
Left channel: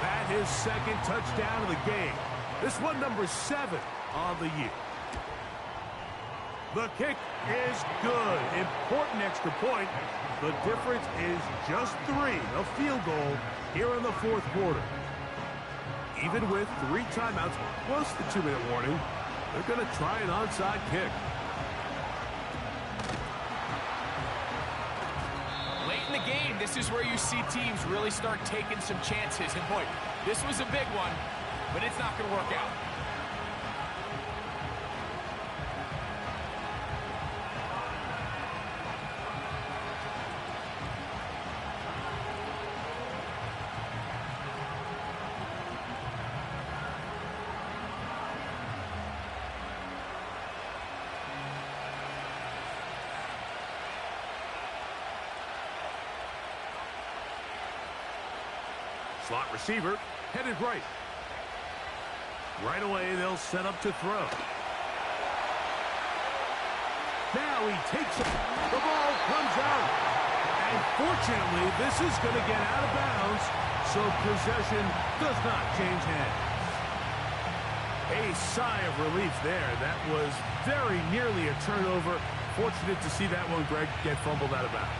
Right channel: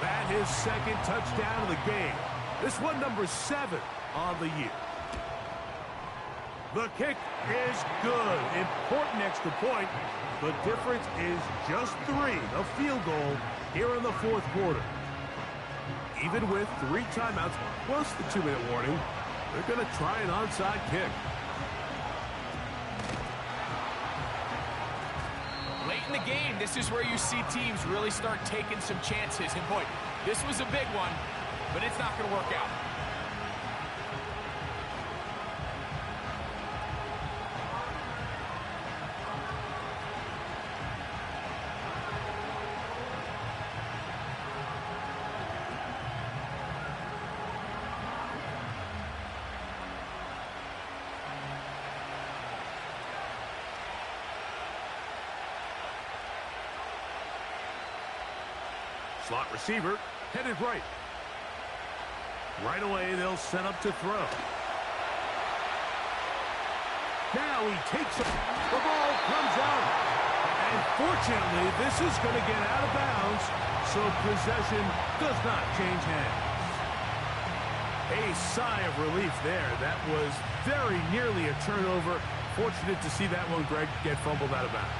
That his 2nd touchdown of the game. This one number 7 on the year. The kick is good. Important extra point. The difference is just 3, a field goal here in the 4th quarter. Even with 3 timeouts plus the 2-minute warning, they're going to try an onside kick. Late in the game, this is where you see teams really start taking some chances. And boy, this was a big one, but it's not going to work out. Slot receiver headed right. Right away, they'll set up to throw. Now he takes it. The ball comes out. And fortunately, this is going to get out of bounds, so possession does not change hands. A sigh of relief there. That was very nearly a turnover. Fortunate to see that one, Greg, get fumbled out of bounds.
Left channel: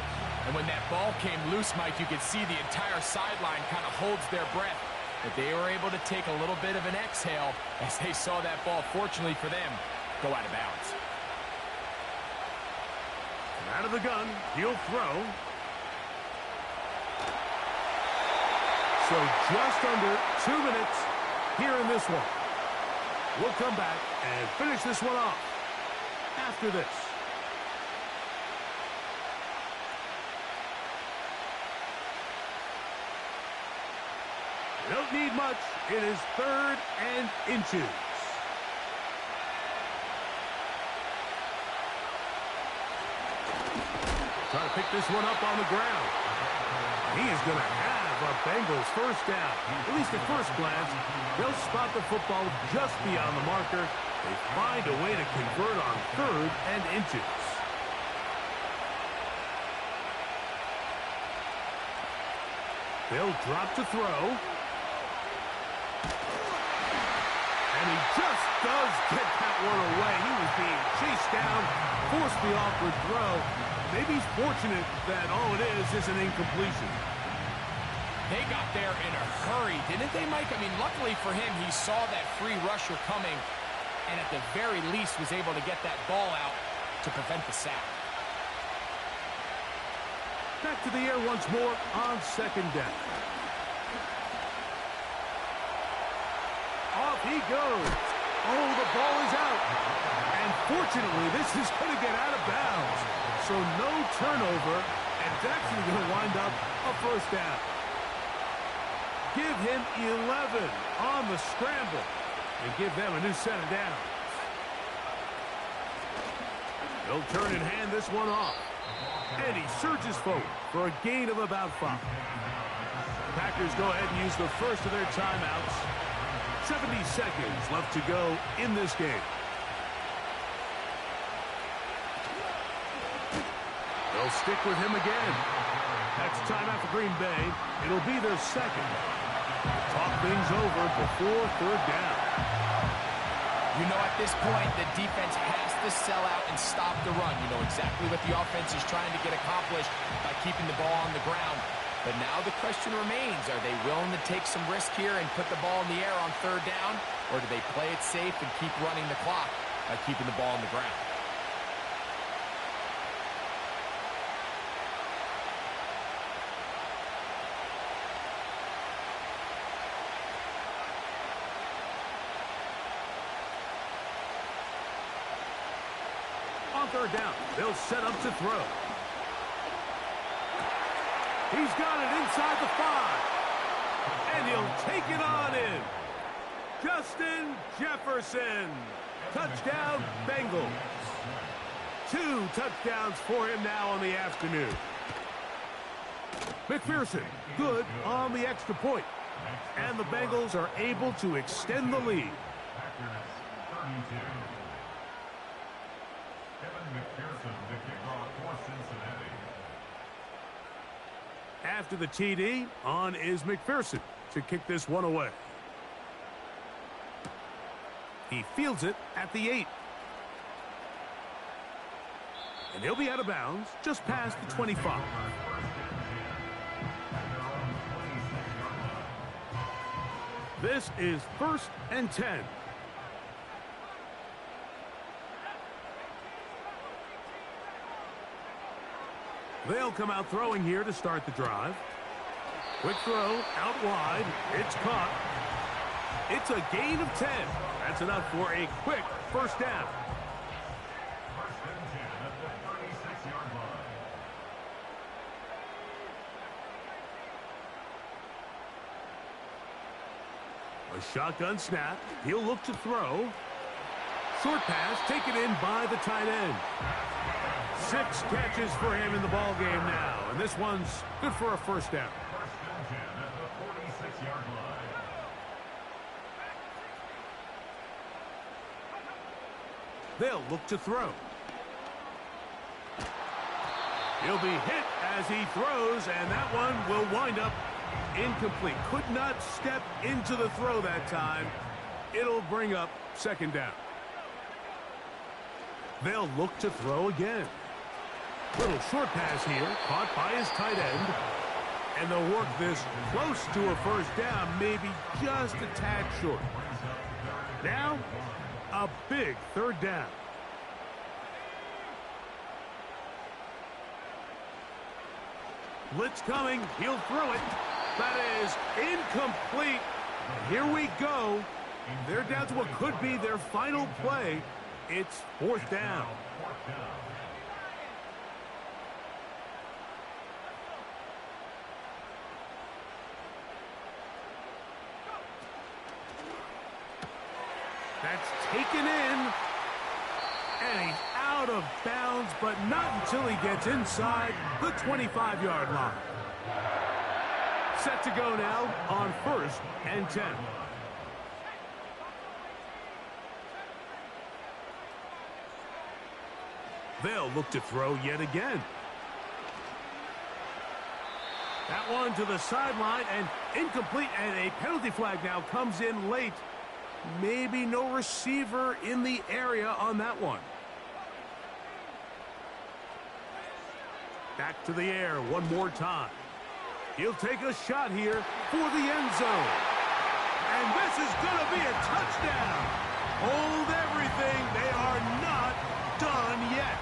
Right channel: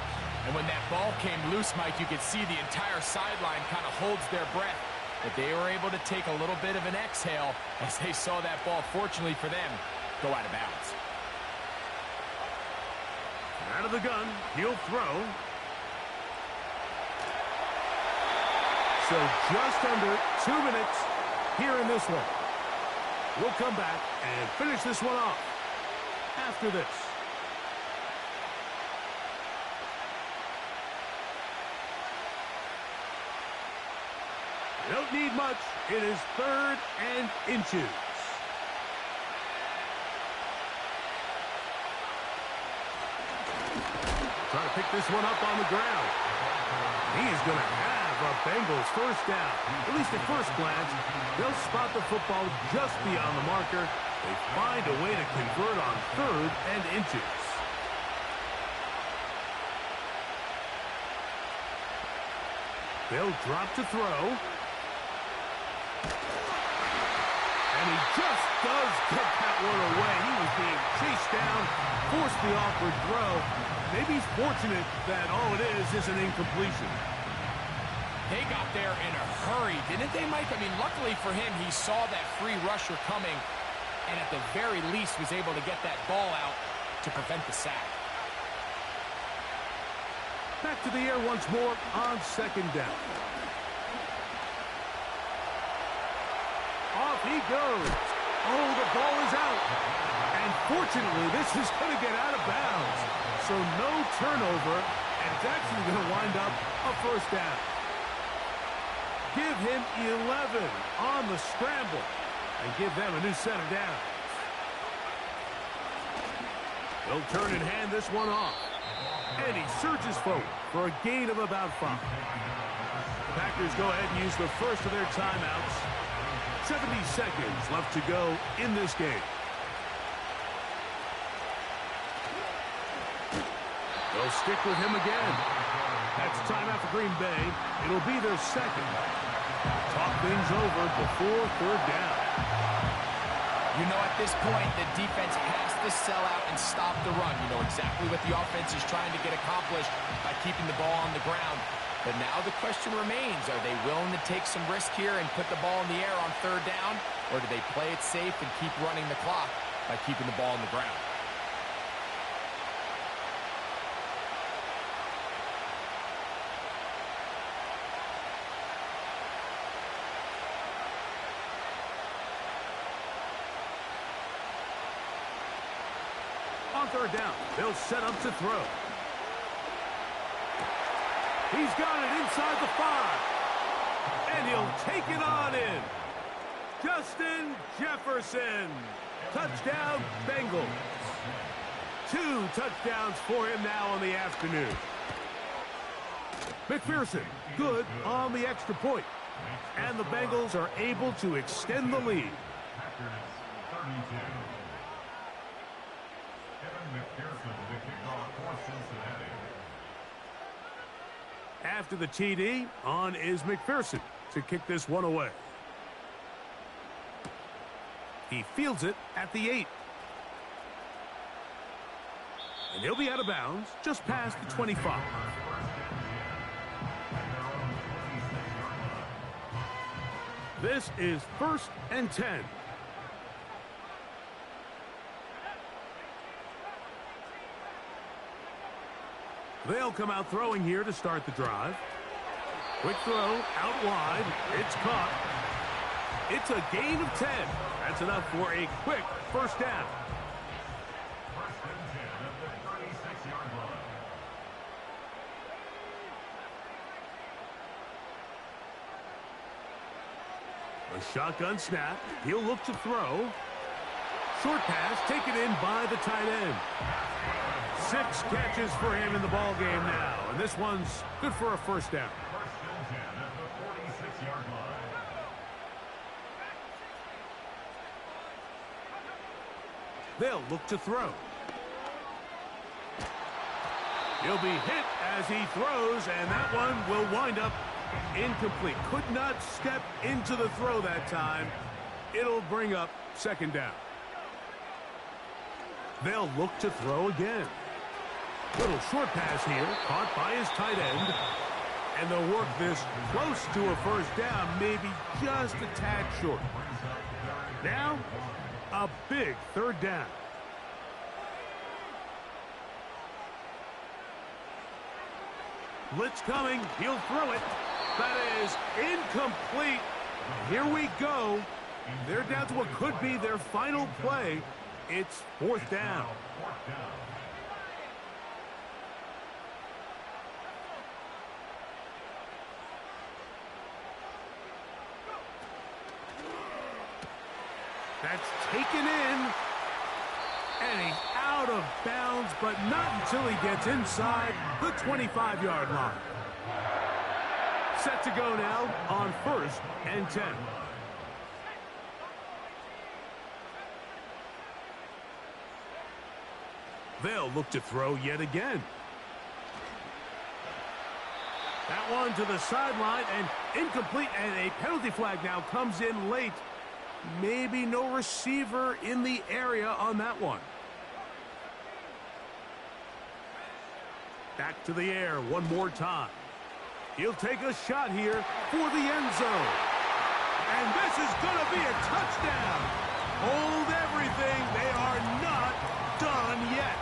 And when that ball came loose, Mike, you could see the entire sideline kind of holds their breath. But they were able to take a little bit of an exhale as they saw that ball, fortunately for them, go out of bounds. And out of the gun, he'll throw. So just under 2 minutes here in this one. We'll come back and finish this one off after this. They don't need much. It is 3rd and inches. Trying to pick this one up on the ground. He is going to have a Bengals first down. At least at first glance, they'll spot the football just beyond the marker. They find a way to convert on 3rd and inches. They'll drop to throw. just does get that one away. He was being chased down, forced the awkward throw. Maybe he's fortunate that all it is an incompletion. They got there in a hurry, didn't they, Mike? I mean, luckily for him, he saw that free rusher coming and at the very least was able to get that ball out to prevent the sack. Back to the air once more on second down. Off he goes. Oh, the ball is out. And fortunately, this is going to get out of bounds. So no turnover, and it's actually going to wind up a first down. Give him 11 on the scramble and give them a new set of downs. They'll turn and hand this one off. And he surges forward for a gain of about 5. The Packers go ahead and use the first of their timeouts. 70 seconds left to go in this game. They'll stick with him again. That's timeout for Green Bay. It'll be their second. Talk things over before third down. You know, at this point, the defense has to sell out and stop the run. You know exactly what the offense is trying to get accomplished by keeping the ball on the ground. But now the question remains, are they willing to take some risk here and put the ball in the air on third down? Or do they play it safe and keep running the clock by keeping the ball on the ground? On third down, they'll set up to throw. He's got it inside the 5. And he'll take it on in. Justin Jefferson. Touchdown, Bengals. 2 touchdowns for him now on the afternoon. McPherson, good on the extra point. And the Bengals are able to extend the lead. After the TD, on is McPherson to kick this one away. He fields it at the 8. And he'll be out of bounds just past the 25. This is 1st and 10. They'll come out throwing here to start the drive. Quick throw, out wide. It's caught. It's a gain of 10. That's enough for a quick first down. 1st and 10 at the 36-yard line. A shotgun snap. He'll look to throw. Short pass taken in by the tight end. 6 catches for him in the ball game now, and this one's good for a first down. 1st and 10 at the 46-yard line. They'll look to throw. He'll be hit as he throws, and that one will wind up incomplete. Could not step into the throw that time. It'll bring up second down. They'll look to throw again. Little short pass here, caught by his tight end. And they'll work this close to a first down, maybe just a tad short. Now, a big third down. Blitz coming, he'll throw it. That is incomplete. And here we go. They're down to what could be their final play. It's 4th down. That's taken in. And he's out of bounds, but not until he gets inside the 25-yard line. Set to go now on 1st and 10. They'll look to throw yet again. That one to the sideline and incomplete, and a penalty flag now comes in late. Maybe no receiver in the area on that one. Back to the air one more time. He'll take a shot here for the end zone. And this is going to be a touchdown. Hold everything. They are not done yet.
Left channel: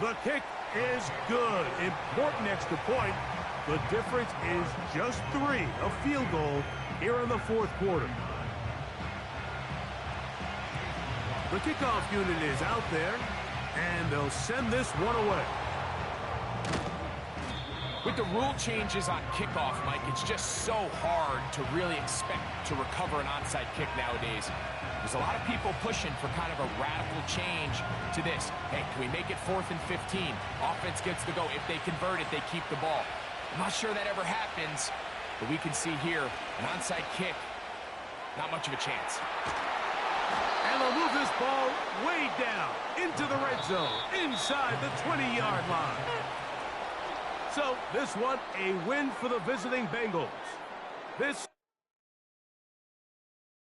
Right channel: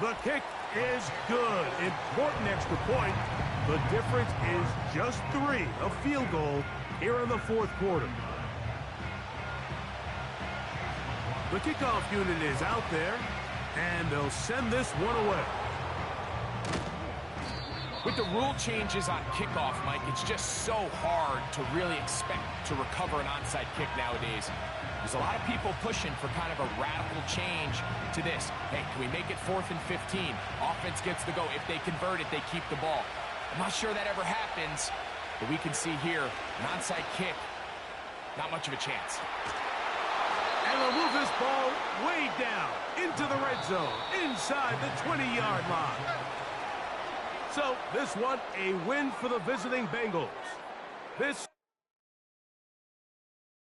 The kick is good. Important extra point. The difference is just 3, a field goal here in the fourth quarter. The kickoff unit is out there, and they'll send this one away. With the rule changes on kickoff, Mike, it's just so hard to really expect to recover an onside kick nowadays. There's a lot of people pushing for kind of a radical change to this. Hey, can we make it 4th and 15? Offense gets to go. If they convert it, they keep the ball. I'm not sure that ever happens, but we can see here an onside kick, not much of a chance. And they'll move this ball way down into the red zone, inside the 20-yard line. So this one, a win for the visiting Bengals. This